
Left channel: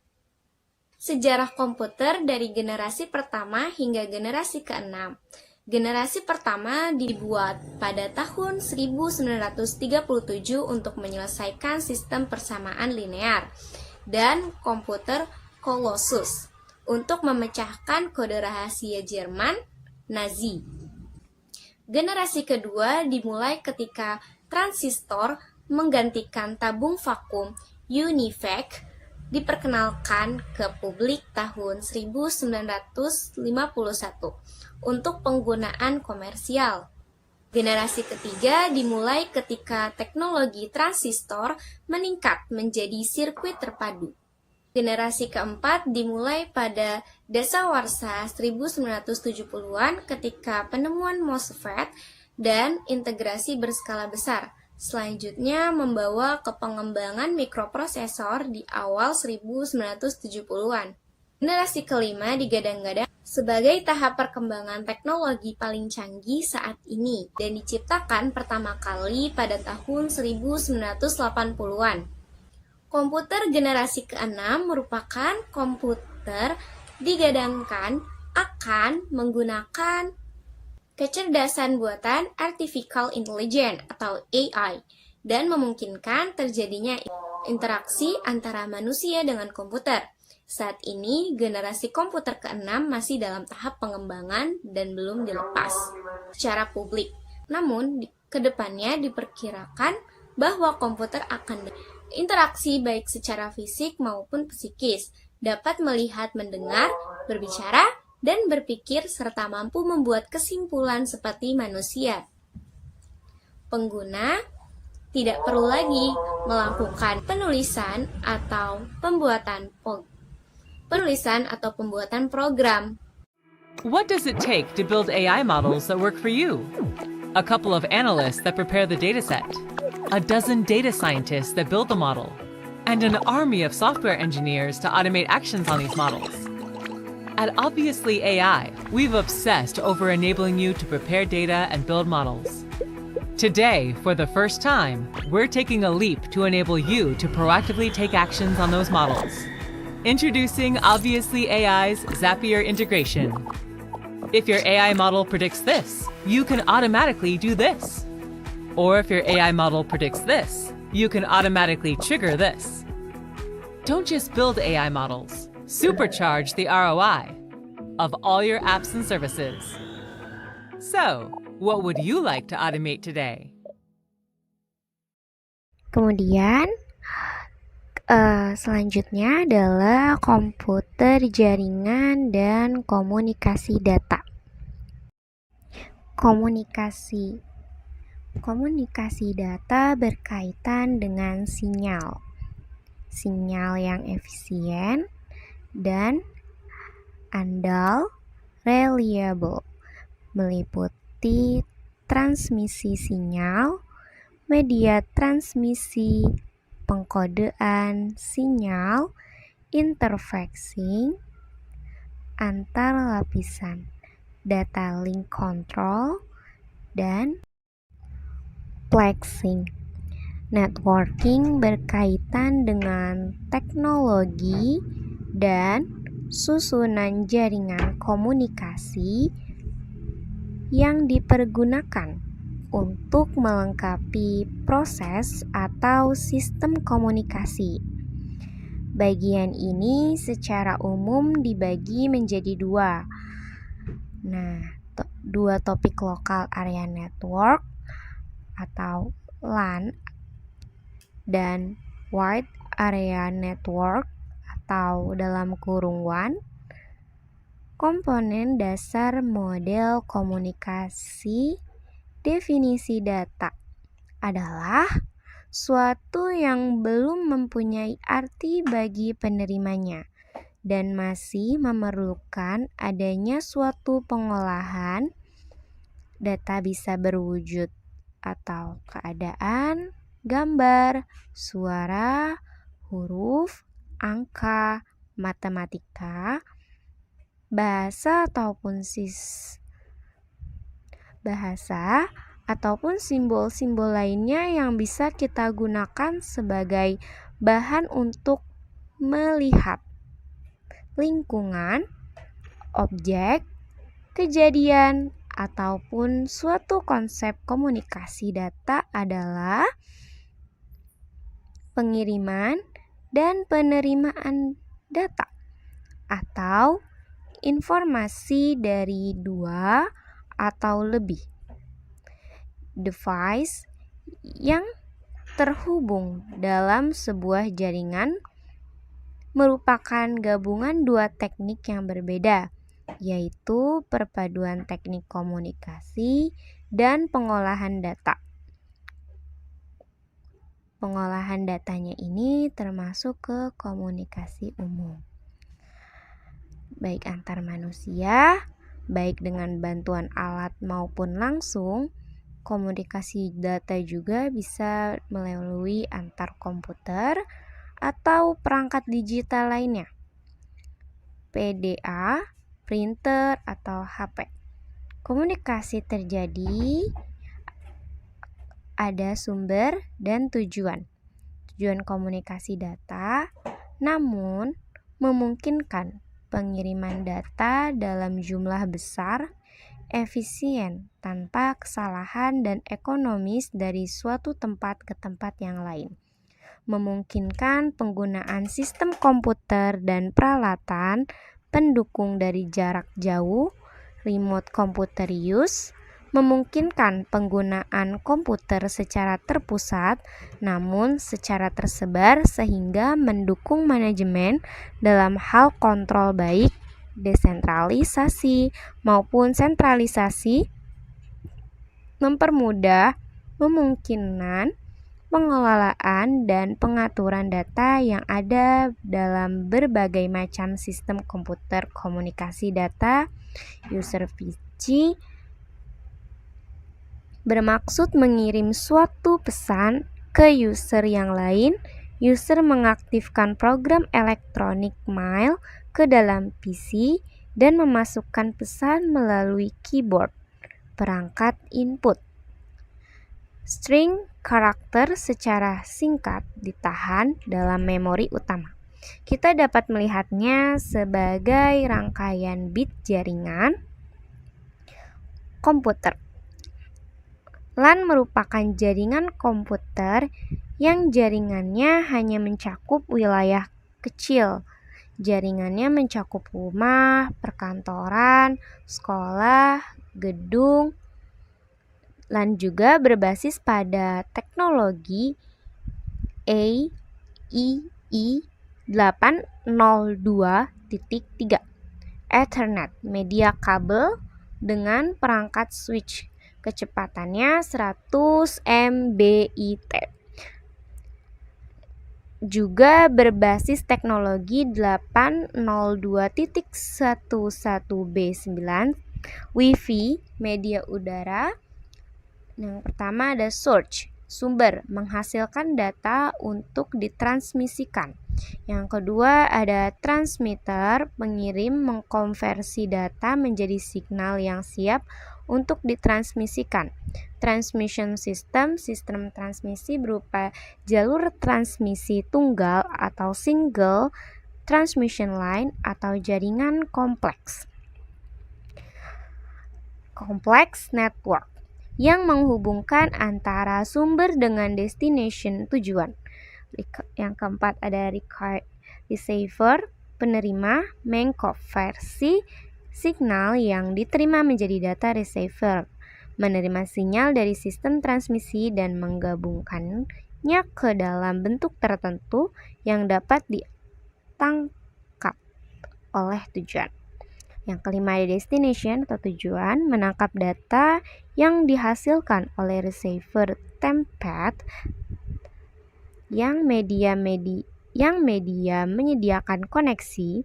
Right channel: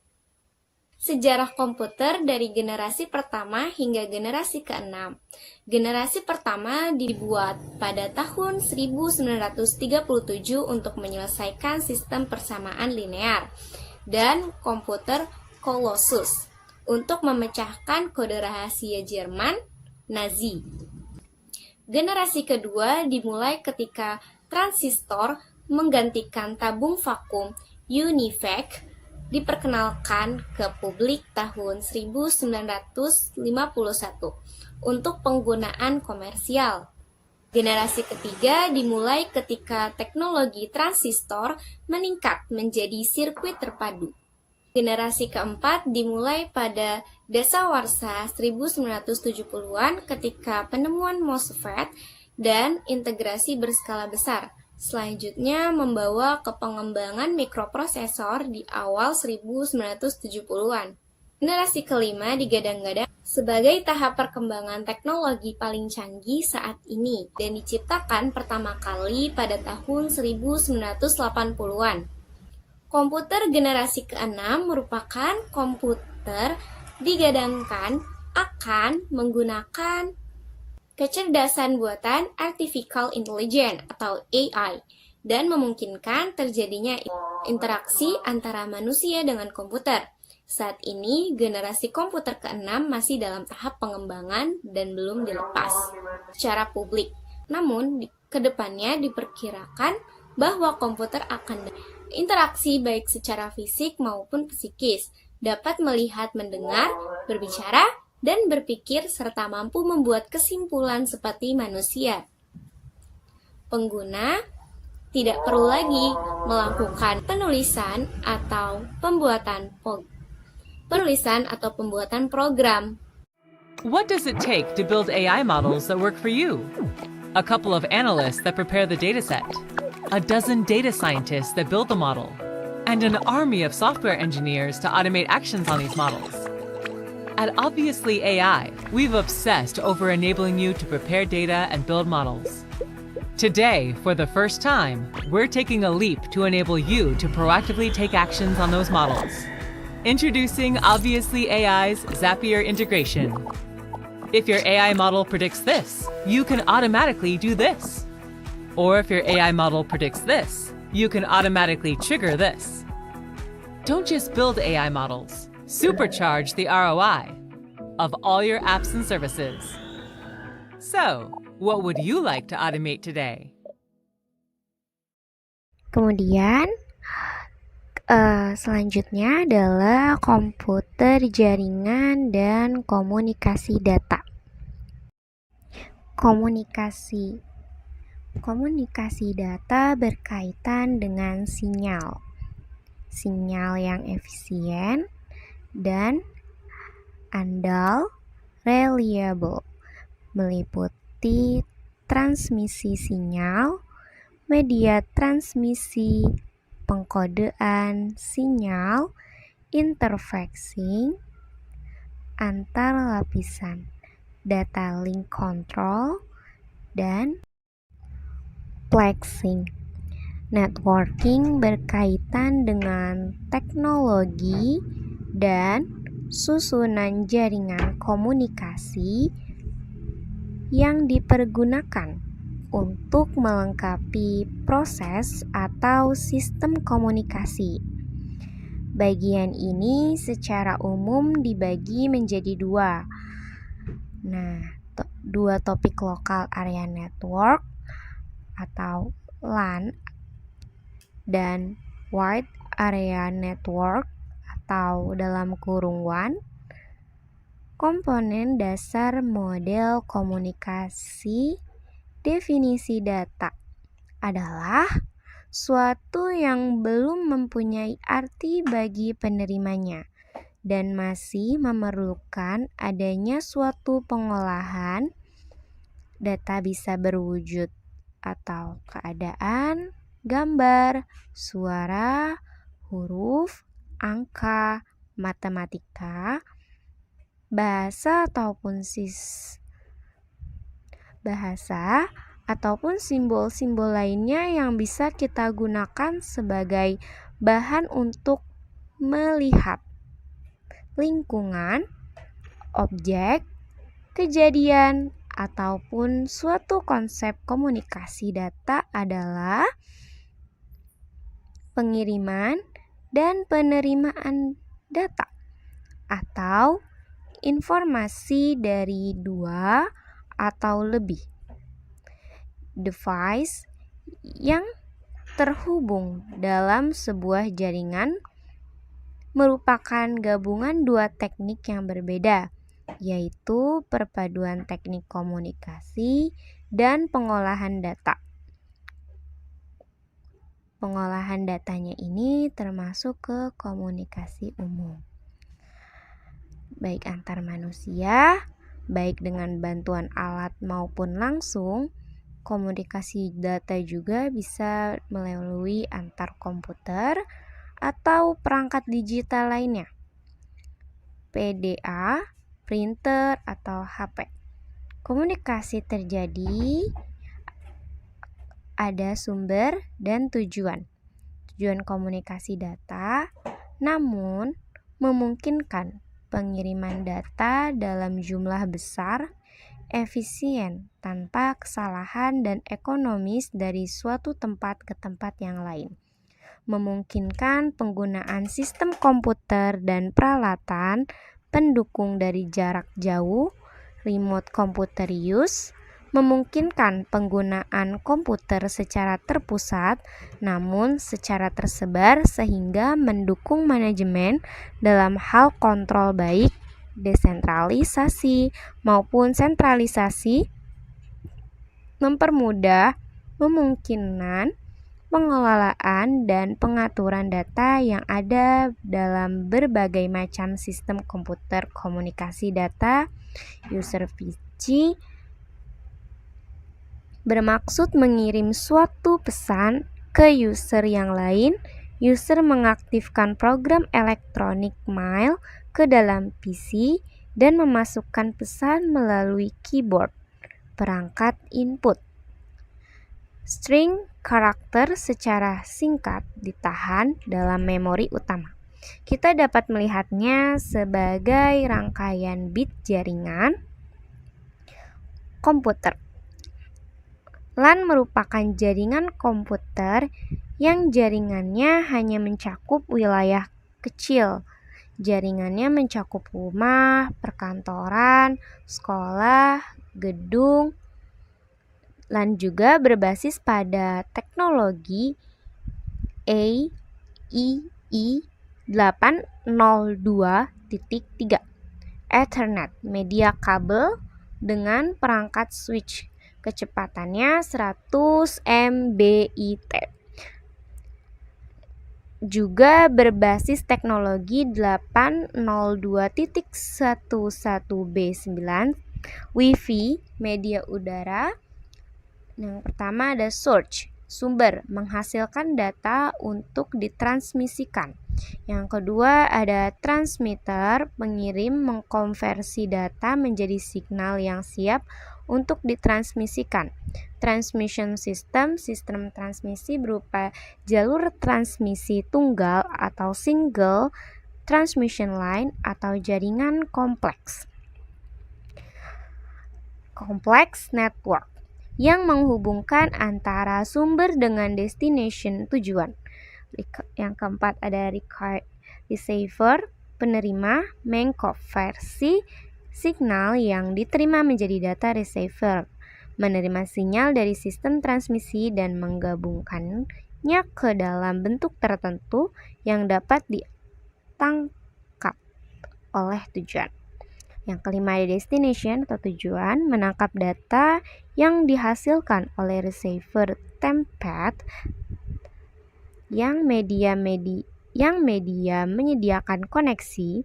Sejarah komputer dari generasi pertama hingga generasi ke-6. Generasi pertama dibuat pada tahun 1937 untuk menyelesaikan sistem persamaan linear dan komputer Colossus untuk memecahkan kode rahasia Jerman Nazi. Generasi kedua dimulai ketika transistor menggantikan tabung vakum UNIVAC diperkenalkan ke publik tahun 1951 untuk penggunaan komersial. Generasi ketiga dimulai ketika teknologi transistor meningkat menjadi sirkuit terpadu. Generasi keempat dimulai pada dasawarsa 1970-an ketika penemuan MOSFET dan integrasi berskala besar. Selanjutnya membawa ke pengembangan mikroprosesor di awal 1970-an. Generasi kelima digadang-gadang sebagai tahap perkembangan teknologi paling canggih saat ini dan diciptakan pertama kali pada tahun 1980-an. Komputer generasi ke-6 merupakan komputer digadangkan akan menggunakan kecerdasan buatan Artificial Intelligence atau AI dan memungkinkan terjadinya interaksi antara manusia dengan komputer. Saat ini, generasi komputer ke-6 masih dalam tahap pengembangan dan belum dilepas secara publik. Namun, kedepannya diperkirakan bahwa komputer akan interaksi baik secara fisik maupun psikis, dapat melihat, mendengar, berbicara, dan berpikir serta mampu membuat kesimpulan seperti manusia. Pengguna tidak perlu lagi melakukan penulisan atau pembuatan program. What does it take to build AI models that work for you? A couple of analysts that prepare the dataset, a dozen data scientists that build the model, and an army of software engineers to automate actions on these models. At Obviously AI, we've obsessed over enabling you to prepare data and build models. Today, for the first time, we're taking a leap to enable you to proactively take actions on those models. Introducing Obviously AI's Zapier integration. If your AI model predicts this, you can automatically do this. Or if your AI model predicts this, you can automatically trigger this. Don't just build AI models, supercharge the ROI of all your apps and services. So, what would you like to automate today? Kemudian, selanjutnya adalah komputer jaringan dan komunikasi data. Komunikasi data berkaitan dengan sinyal yang efisien dan andal, reliable, meliputi transmisi sinyal, media transmisi, pengkodean sinyal, interfacing antar lapisan, data link control, dan plexing. Networking berkaitan dengan teknologi dan susunan jaringan komunikasi yang dipergunakan untuk melengkapi proses atau sistem komunikasi. Bagian ini secara umum dibagi menjadi dua. Dua topik lokal area network atau LAN dan wide area network atau dalam kurung WAN. Komponen dasar model komunikasi. Definisi data adalah suatu yang belum mempunyai arti bagi penerimanya dan masih memerlukan adanya suatu pengolahan. Data bisa berwujud atau keadaan, gambar, suara, huruf, angka, matematika, bahasa ataupun simbol-simbol lainnya yang bisa kita gunakan sebagai bahan untuk melihat lingkungan, objek, kejadian, ataupun suatu konsep. Komunikasi data adalah pengiriman dan penerimaan data atau informasi dari dua atau lebih device yang terhubung dalam sebuah jaringan, merupakan gabungan dua teknik yang berbeda, yaitu perpaduan teknik komunikasi dan pengolahan data. Pengolahan datanya ini termasuk ke komunikasi umum, baik antar manusia, baik dengan bantuan alat maupun langsung. Komunikasi data juga bisa melalui antar komputer atau perangkat digital lainnya, PDA, printer, atau HP. Komunikasi terjadi ada sumber dan tujuan. Tujuan komunikasi data, namun memungkinkan pengiriman data dalam jumlah besar, efisien, tanpa kesalahan dan ekonomis dari suatu tempat ke tempat yang lain. Memungkinkan penggunaan sistem komputer dan peralatan pendukung dari jarak jauh, remote computer use, memungkinkan penggunaan komputer secara terpusat namun secara tersebar sehingga mendukung manajemen dalam hal kontrol baik desentralisasi maupun sentralisasi, mempermudah memungkinkan pengelolaan dan pengaturan data yang ada dalam berbagai macam sistem komputer. Komunikasi data user PC bermaksud mengirim suatu pesan ke user yang lain. User mengaktifkan program elektronik mail ke dalam PC dan memasukkan pesan melalui keyboard, perangkat input. String karakter secara singkat ditahan dalam memori utama. Kita dapat melihatnya sebagai rangkaian bit jaringan komputer. LAN merupakan jaringan komputer yang jaringannya hanya mencakup wilayah kecil. Jaringannya mencakup rumah, perkantoran, sekolah, gedung. LAN juga berbasis pada teknologi AEE 802.3 Ethernet, media kabel dengan perangkat switch, kecepatannya 100 Mbit. Juga berbasis teknologi 802.11b9 Wi-Fi, media udara. Yang pertama ada source, sumber, menghasilkan data untuk ditransmisikan. Yang kedua ada transmitter, pengirim, mengkonversi data menjadi signal yang siap untuk ditransmisikan. Transmission system, sistem transmisi berupa jalur transmisi tunggal atau single transmission line atau jaringan kompleks. Complex network yang menghubungkan antara sumber dengan destination tujuan. Yang keempat ada receiver, penerima, mengkonversi signal yang diterima menjadi data. Receiver menerima sinyal dari sistem transmisi dan menggabungkannya ke dalam bentuk tertentu yang dapat ditangkap oleh tujuan. Yang kelima ada destination atau tujuan, menangkap data yang dihasilkan oleh receiver tempat yang media menyediakan koneksi.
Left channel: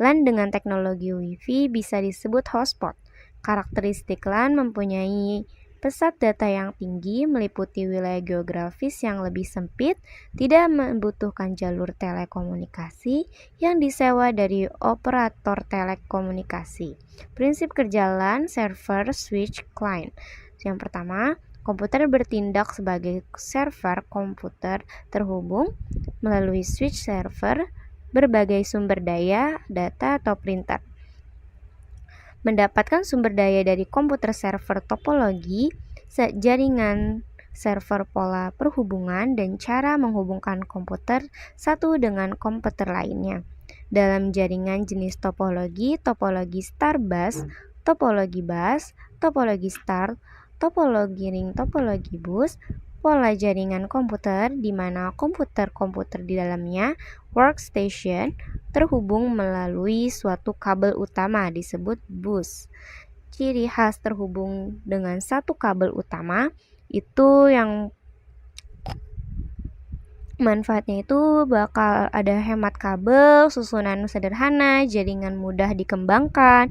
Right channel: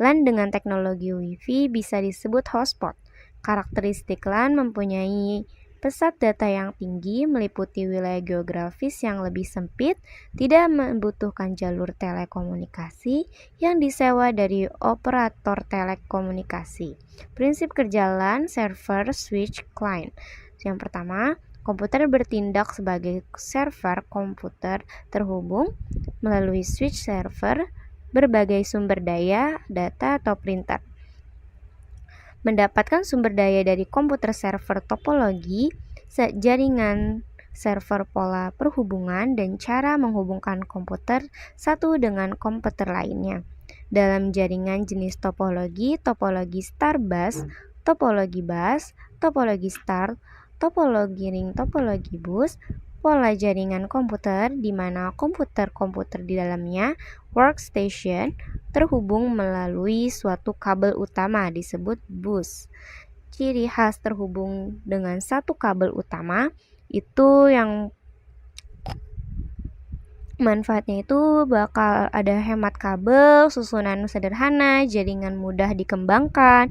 LAN dengan teknologi Wi-Fi bisa disebut hotspot. Karakteristik LAN mempunyai Pesat data yang tinggi meliputi wilayah geografis yang lebih sempit, tidak membutuhkan jalur telekomunikasi yang disewa dari operator telekomunikasi. Prinsip kerja LAN, server, switch, client. Yang pertama, komputer bertindak sebagai server komputer terhubung melalui switch server, berbagai sumber daya, data atau printer. Mendapatkan sumber daya dari komputer server topologi, jaringan server pola perhubungan, dan cara menghubungkan komputer satu dengan komputer lainnya. Dalam jaringan jenis topologi star bus, topologi bus, topologi star, topologi ring, topologi bus, pola jaringan komputer di mana komputer-komputer di dalamnya, workstation, terhubung melalui suatu kabel utama disebut bus. Ciri khas terhubung dengan satu kabel utama itu yang manfaatnya itu bakal ada hemat kabel, susunan sederhana, jaringan mudah dikembangkan.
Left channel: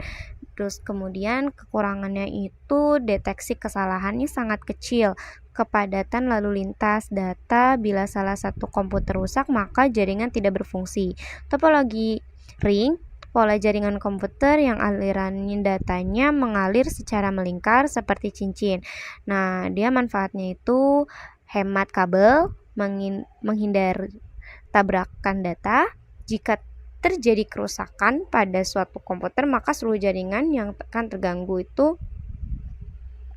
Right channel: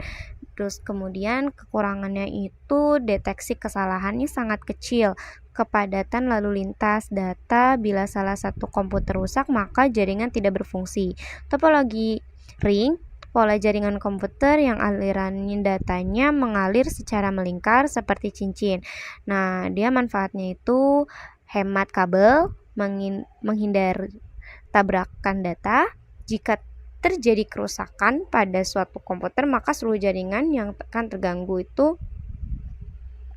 Terus kemudian kekurangannya itu deteksi kesalahannya sangat kecil, kepadatan lalu lintas data. Bila salah satu komputer rusak maka jaringan tidak berfungsi. Topologi ring, pola jaringan komputer yang aliran datanya mengalir secara melingkar seperti cincin. Nah, dia manfaatnya itu hemat kabel, menghindar tabrakan data. Jika terjadi kerusakan pada suatu komputer, maka seluruh jaringan yang akan terganggu itu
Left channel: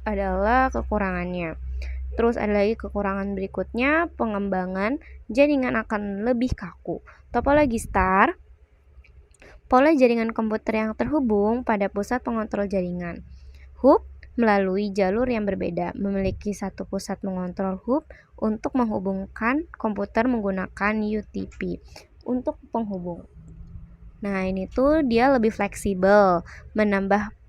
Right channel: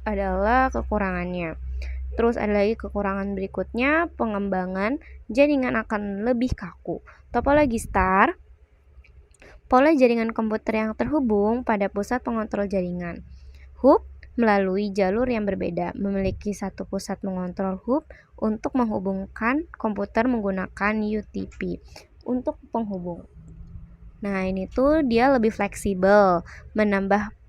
adalah kekurangannya. Terus ada lagi kekurangan berikutnya, pengembangan jaringan akan lebih kaku. Topologi star, pola jaringan komputer yang terhubung pada pusat pengontrol jaringan. Hub melalui jalur yang berbeda, memiliki satu pusat mengontrol hub untuk menghubungkan komputer menggunakan UTP untuk penghubung. Nah, ini tuh dia lebih fleksibel,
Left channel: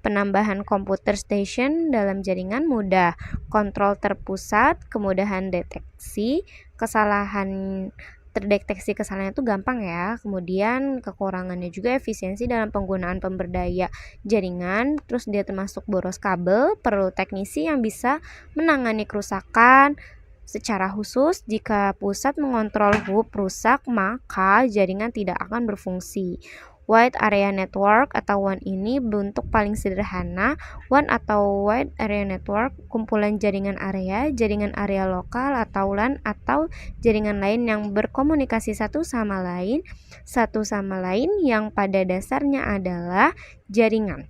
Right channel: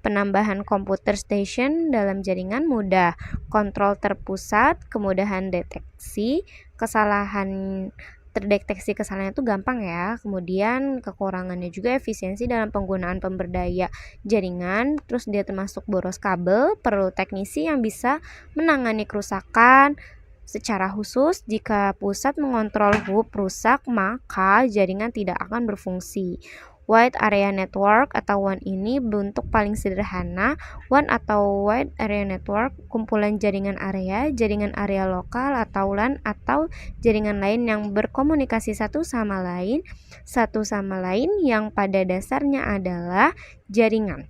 penambahan komputer station dalam jaringan mudah, kontrol terpusat, kemudahan deteksi, terdeteksi kesalahan itu gampang ya. Kemudian kekurangannya juga efisiensi dalam penggunaan pemberdaya jaringan. Terus dia termasuk boros kabel, perlu teknisi yang bisa menangani kerusakan. Secara khusus, jika pusat mengontrol hub rusak, maka jaringan tidak akan berfungsi. Wide Area Network atau WAN ini bentuk paling sederhana. WAN atau Wide Area Network, kumpulan jaringan area lokal atau LAN atau jaringan lain yang berkomunikasi satu sama lain yang pada dasarnya adalah jaringan.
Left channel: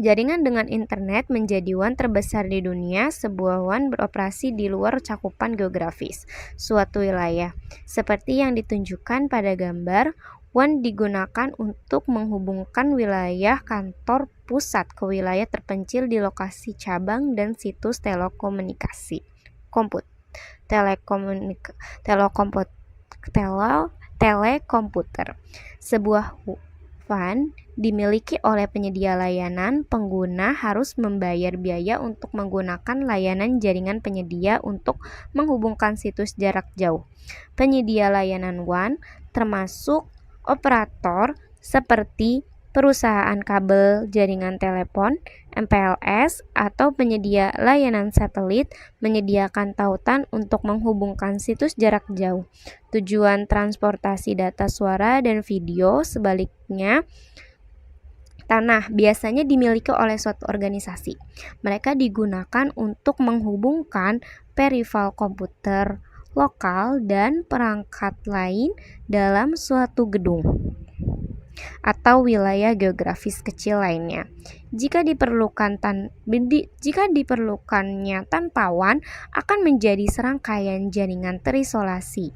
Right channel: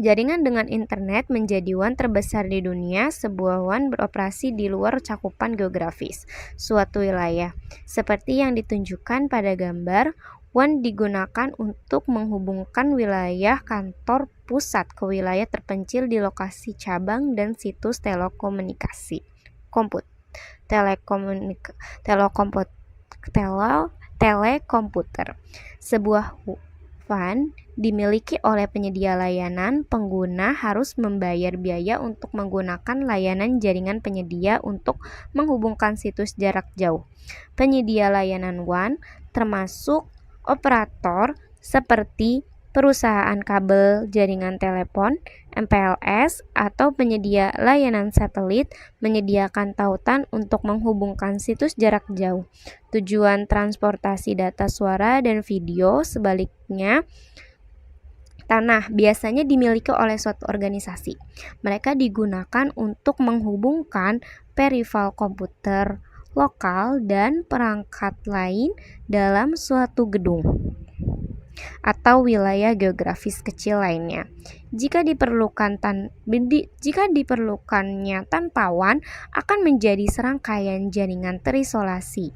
Jaringan dengan internet menjadi WAN terbesar di dunia. Sebuah WAN beroperasi di luar cakupan geografis suatu wilayah. Seperti yang ditunjukkan pada gambar, WAN digunakan untuk menghubungkan wilayah kantor pusat ke wilayah terpencil di lokasi cabang dan situs telekomunikasi. Telekomputer. Sebuah WAN dimiliki oleh penyedia layanan. Pengguna harus membayar biaya untuk menggunakan layanan jaringan penyedia untuk menghubungkan situs jarak jauh. Penyedia layanan WAN termasuk operator seperti perusahaan kabel jaringan telepon, MPLS, atau penyedia layanan satelit menyediakan tautan untuk menghubungkan situs jarak jauh. Tujuan transportasi data suara dan video. Sebaliknya, tanah biasanya dimiliki oleh suatu organisasi. Mereka digunakan untuk menghubungkan peripheral komputer lokal dan perangkat lain dalam suatu gedung atau wilayah geografis kecil lainnya. Jika diperlukannya tanpa WAN, akan menjadi serangkaian jaringan terisolasi.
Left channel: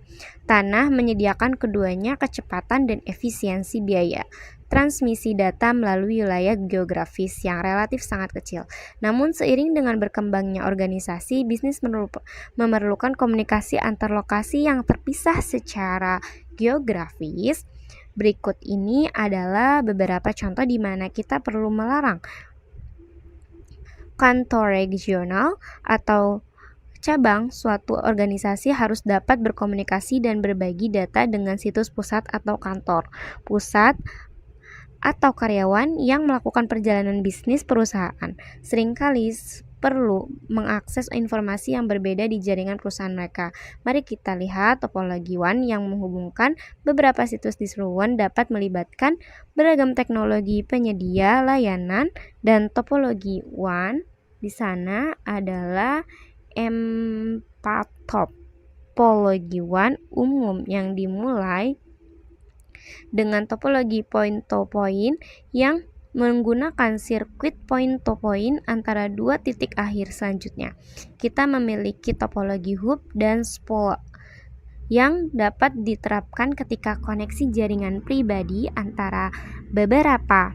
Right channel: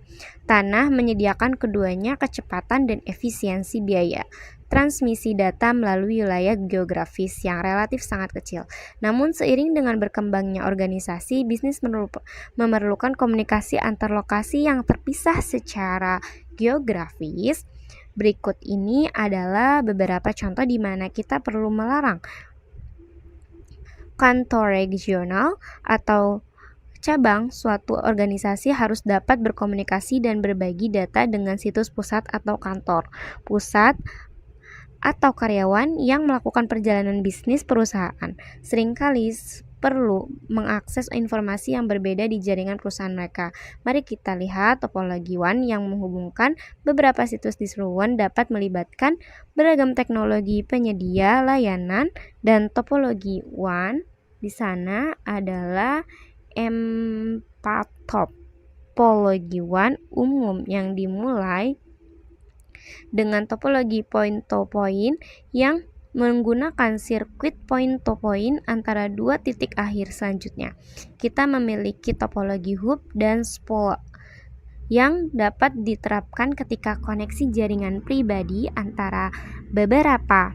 Tanah menyediakan keduanya kecepatan dan efisiensi biaya transmisi data melalui wilayah geografis yang relatif sangat kecil. Namun seiring dengan berkembangnya organisasi, bisnis memerlukan komunikasi antar lokasi yang terpisah secara geografis. Berikut ini adalah beberapa contoh di mana kita perlu melarang kantor regional atau cabang suatu organisasi harus dapat berkomunikasi dan berbagi data dengan situs pusat atau kantor pusat atau karyawan yang melakukan perjalanan bisnis perusahaan. Seringkali perlu mengakses informasi yang berbeda di jaringan perusahaan mereka. Mari kita lihat topologi WAN yang menghubungkan beberapa situs di seluruh WAN dapat melibatkan beragam teknologi penyedia layanan, dan topologi WAN di sana adalah 4 topologi WAN umum yang dimulai dengan topologi point-to-point yang menggunakan sirkuit point-to-point antara dua titik akhir. Selanjutnya, kita memiliki topologi hub dan spoke yang dapat diterapkan ketika koneksi jaringan pribadi antara beberapa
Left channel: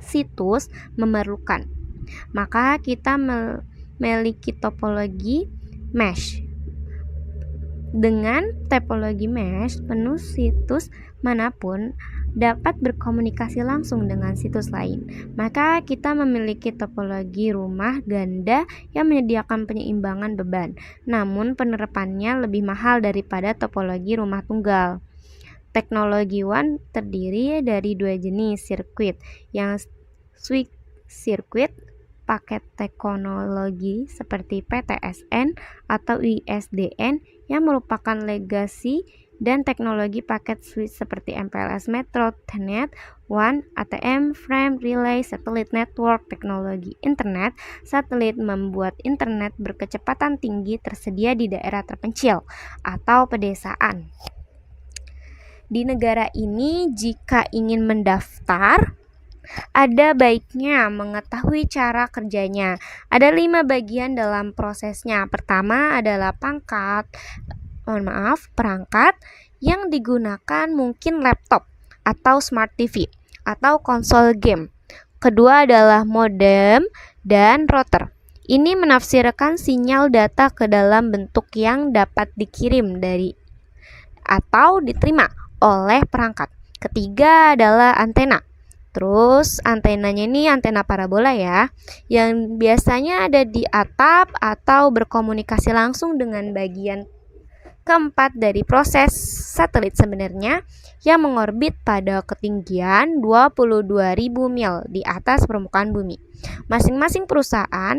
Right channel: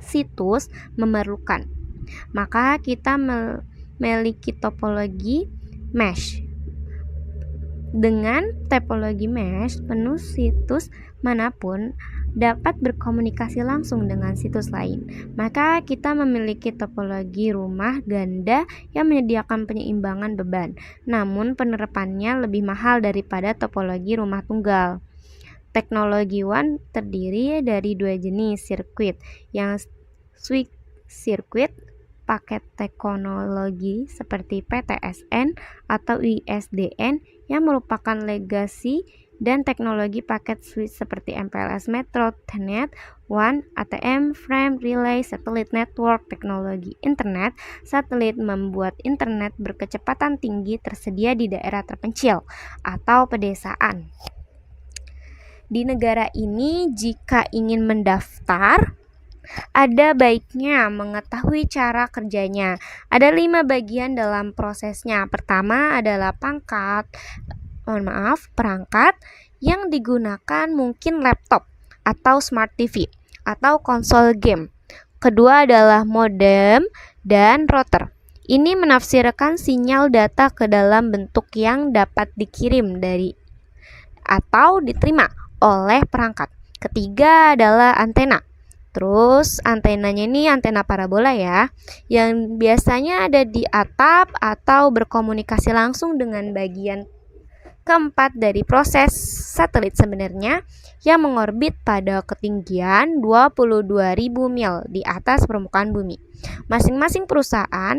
situs memerlukan. Maka kita memiliki topologi mesh. Dengan topologi mesh, penuh situs manapun dapat berkomunikasi langsung dengan situs lain. Maka kita memiliki topologi rumah ganda yang menyediakan penyeimbangan beban. Namun penerapannya lebih mahal daripada topologi rumah tunggal. Teknologi WAN terdiri dari dua jenis sirkuit, yang switch circuit, paket teknologi seperti PTSN atau ISDN yang merupakan legasi, dan teknologi paket switch seperti MPLS Metro, Ethernet, WAN, ATM, Frame, Relay, Satellite Network. Teknologi internet satelit membuat internet berkecepatan tinggi tersedia di daerah terpencil atau pedesaan. Di negara ini, jika ingin mendaftar, ada baiknya mengetahui cara kerjanya. Ada 5 bagian dalam prosesnya. Pertama adalah perangkat yang digunakan mungkin laptop atau smart TV atau konsol game. Kedua adalah modem dan router. Ini menafsirkan sinyal data ke dalam bentuk yang dapat dikirim dari atau diterima oleh perangkat. Ketiga adalah antena. Terus antenanya ini antena parabola ya, yang biasanya ada di atap atau berkomunikasi langsung dengan bagian keempat dari proses satelit sebenarnya, yang mengorbit pada ketinggian 22.000 mil di atas permukaan bumi. Masing-masing perusahaan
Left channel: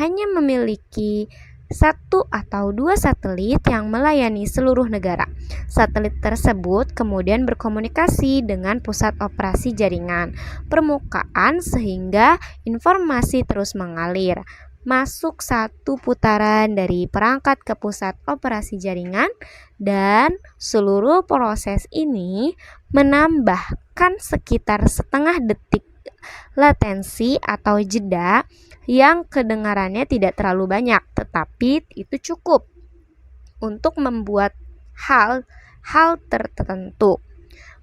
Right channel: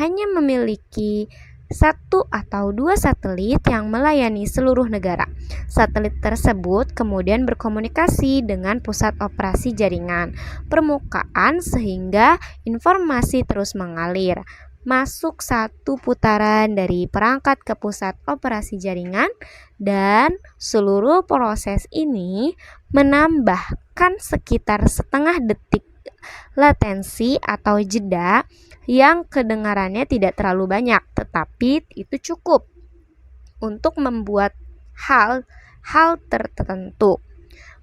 hanya memiliki 1 atau 2 satelit yang melayani seluruh negara. Satelit tersebut kemudian berkomunikasi dengan pusat operasi jaringan permukaan sehingga informasi terus mengalir masuk satu putaran dari perangkat ke pusat operasi jaringan, dan seluruh proses ini menambahkan sekitar setengah detik latensi atau jeda yang kedengarannya tidak terlalu banyak, tetapi itu cukup untuk membuat hal tertentu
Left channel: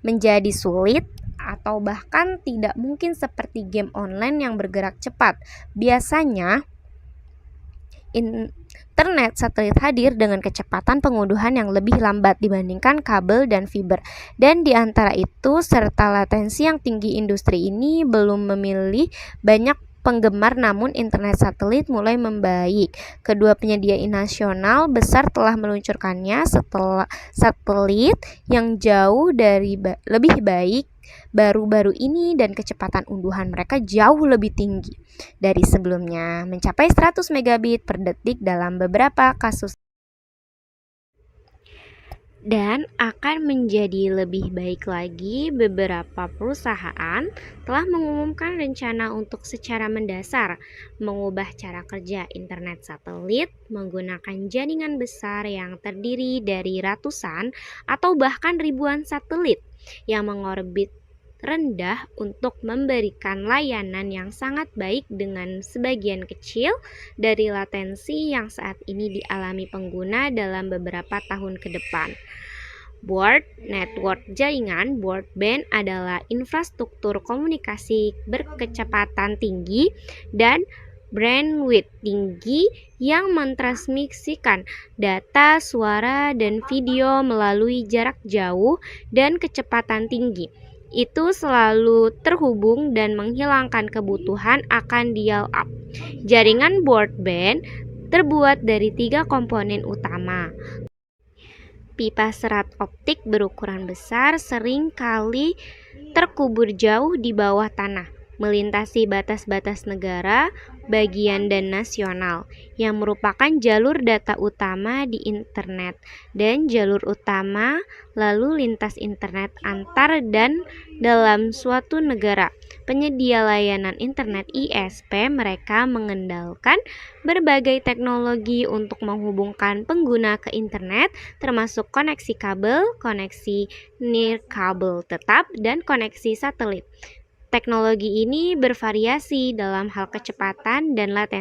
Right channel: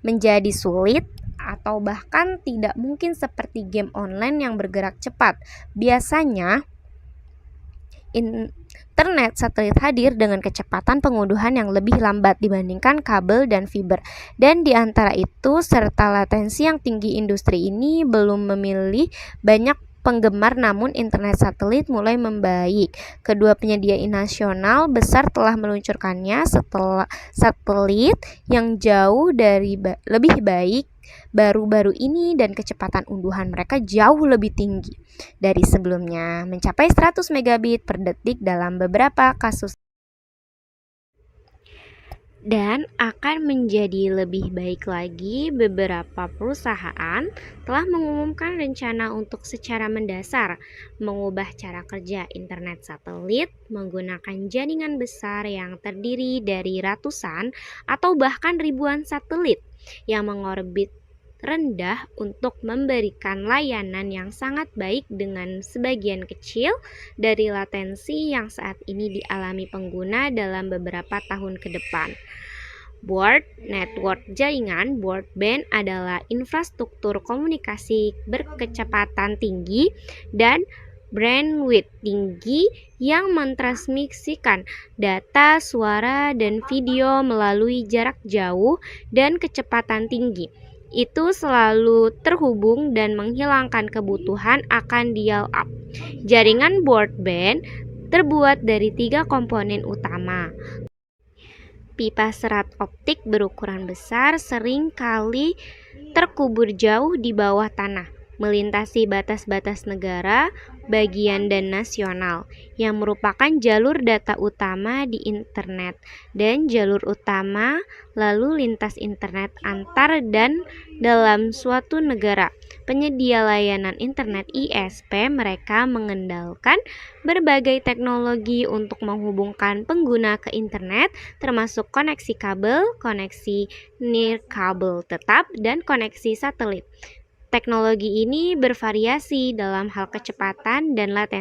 menjadi sulit atau bahkan tidak mungkin seperti game online yang bergerak cepat. Biasanya internet satelit hadir dengan kecepatan pengunduhan yang lebih lambat dibandingkan kabel dan fiber, dan di antara itu serta latensi yang tinggi, industri ini belum memilih banyak penggemar, namun internet satelit mulai membaik. Kedua penyedia nasional besar telah meluncurkannya setelah satelit yang jauh dari lebih baik baru-baru ini, dan kecepatan unduhan mereka jauh lebih tinggi dari sebelumnya, mencapai 100 megabit per detik dalam beberapa kasus, dan akan menjadi lebih baik lagi. Beberapa perusahaan telah mengumumkan rencana untuk secara mendasar mengubah cara kerja internet satelit menggunakan jaringan besar yang terdiri dari ratusan atau bahkan ribuan satelit yang mengorbit rendah untuk memberikan layanan yang sangat baik dengan sebagian kecil dari latensi yang saat ini dialami pengguna dalam beberapa tahun ke depan. Broad network jaringan broadband adalah infrastruktur komunikasi berkecepatan tinggi dan bandwidth tinggi yang mentransmisikan data, suara, dan video melalui jarak jauh dan kecepatan tinggi. Itu selalu terhubung dan menghilangkan kebutuhan akan dial-up. Jaringan broadband terbuat dari 3 komponen utama. Pipa serat optik berukuran besar sering kali terkubur jauh di bawah tanah, melintasi batas-batas negara, bagian dan nasional, yang merupakan jalur data utama di internet dan jalur utama lalu lintas internet antar dan dalam suatu negara. Penyedia layanan internet ISP mereka mengendalikan berbagai teknologi untuk menghubungkan pengguna ke internet, termasuk koneksi kabel, koneksi nirkabel tetap, dan koneksi satelit. Teknologi ini bervariasi dalam hal kecepatan dan latensi.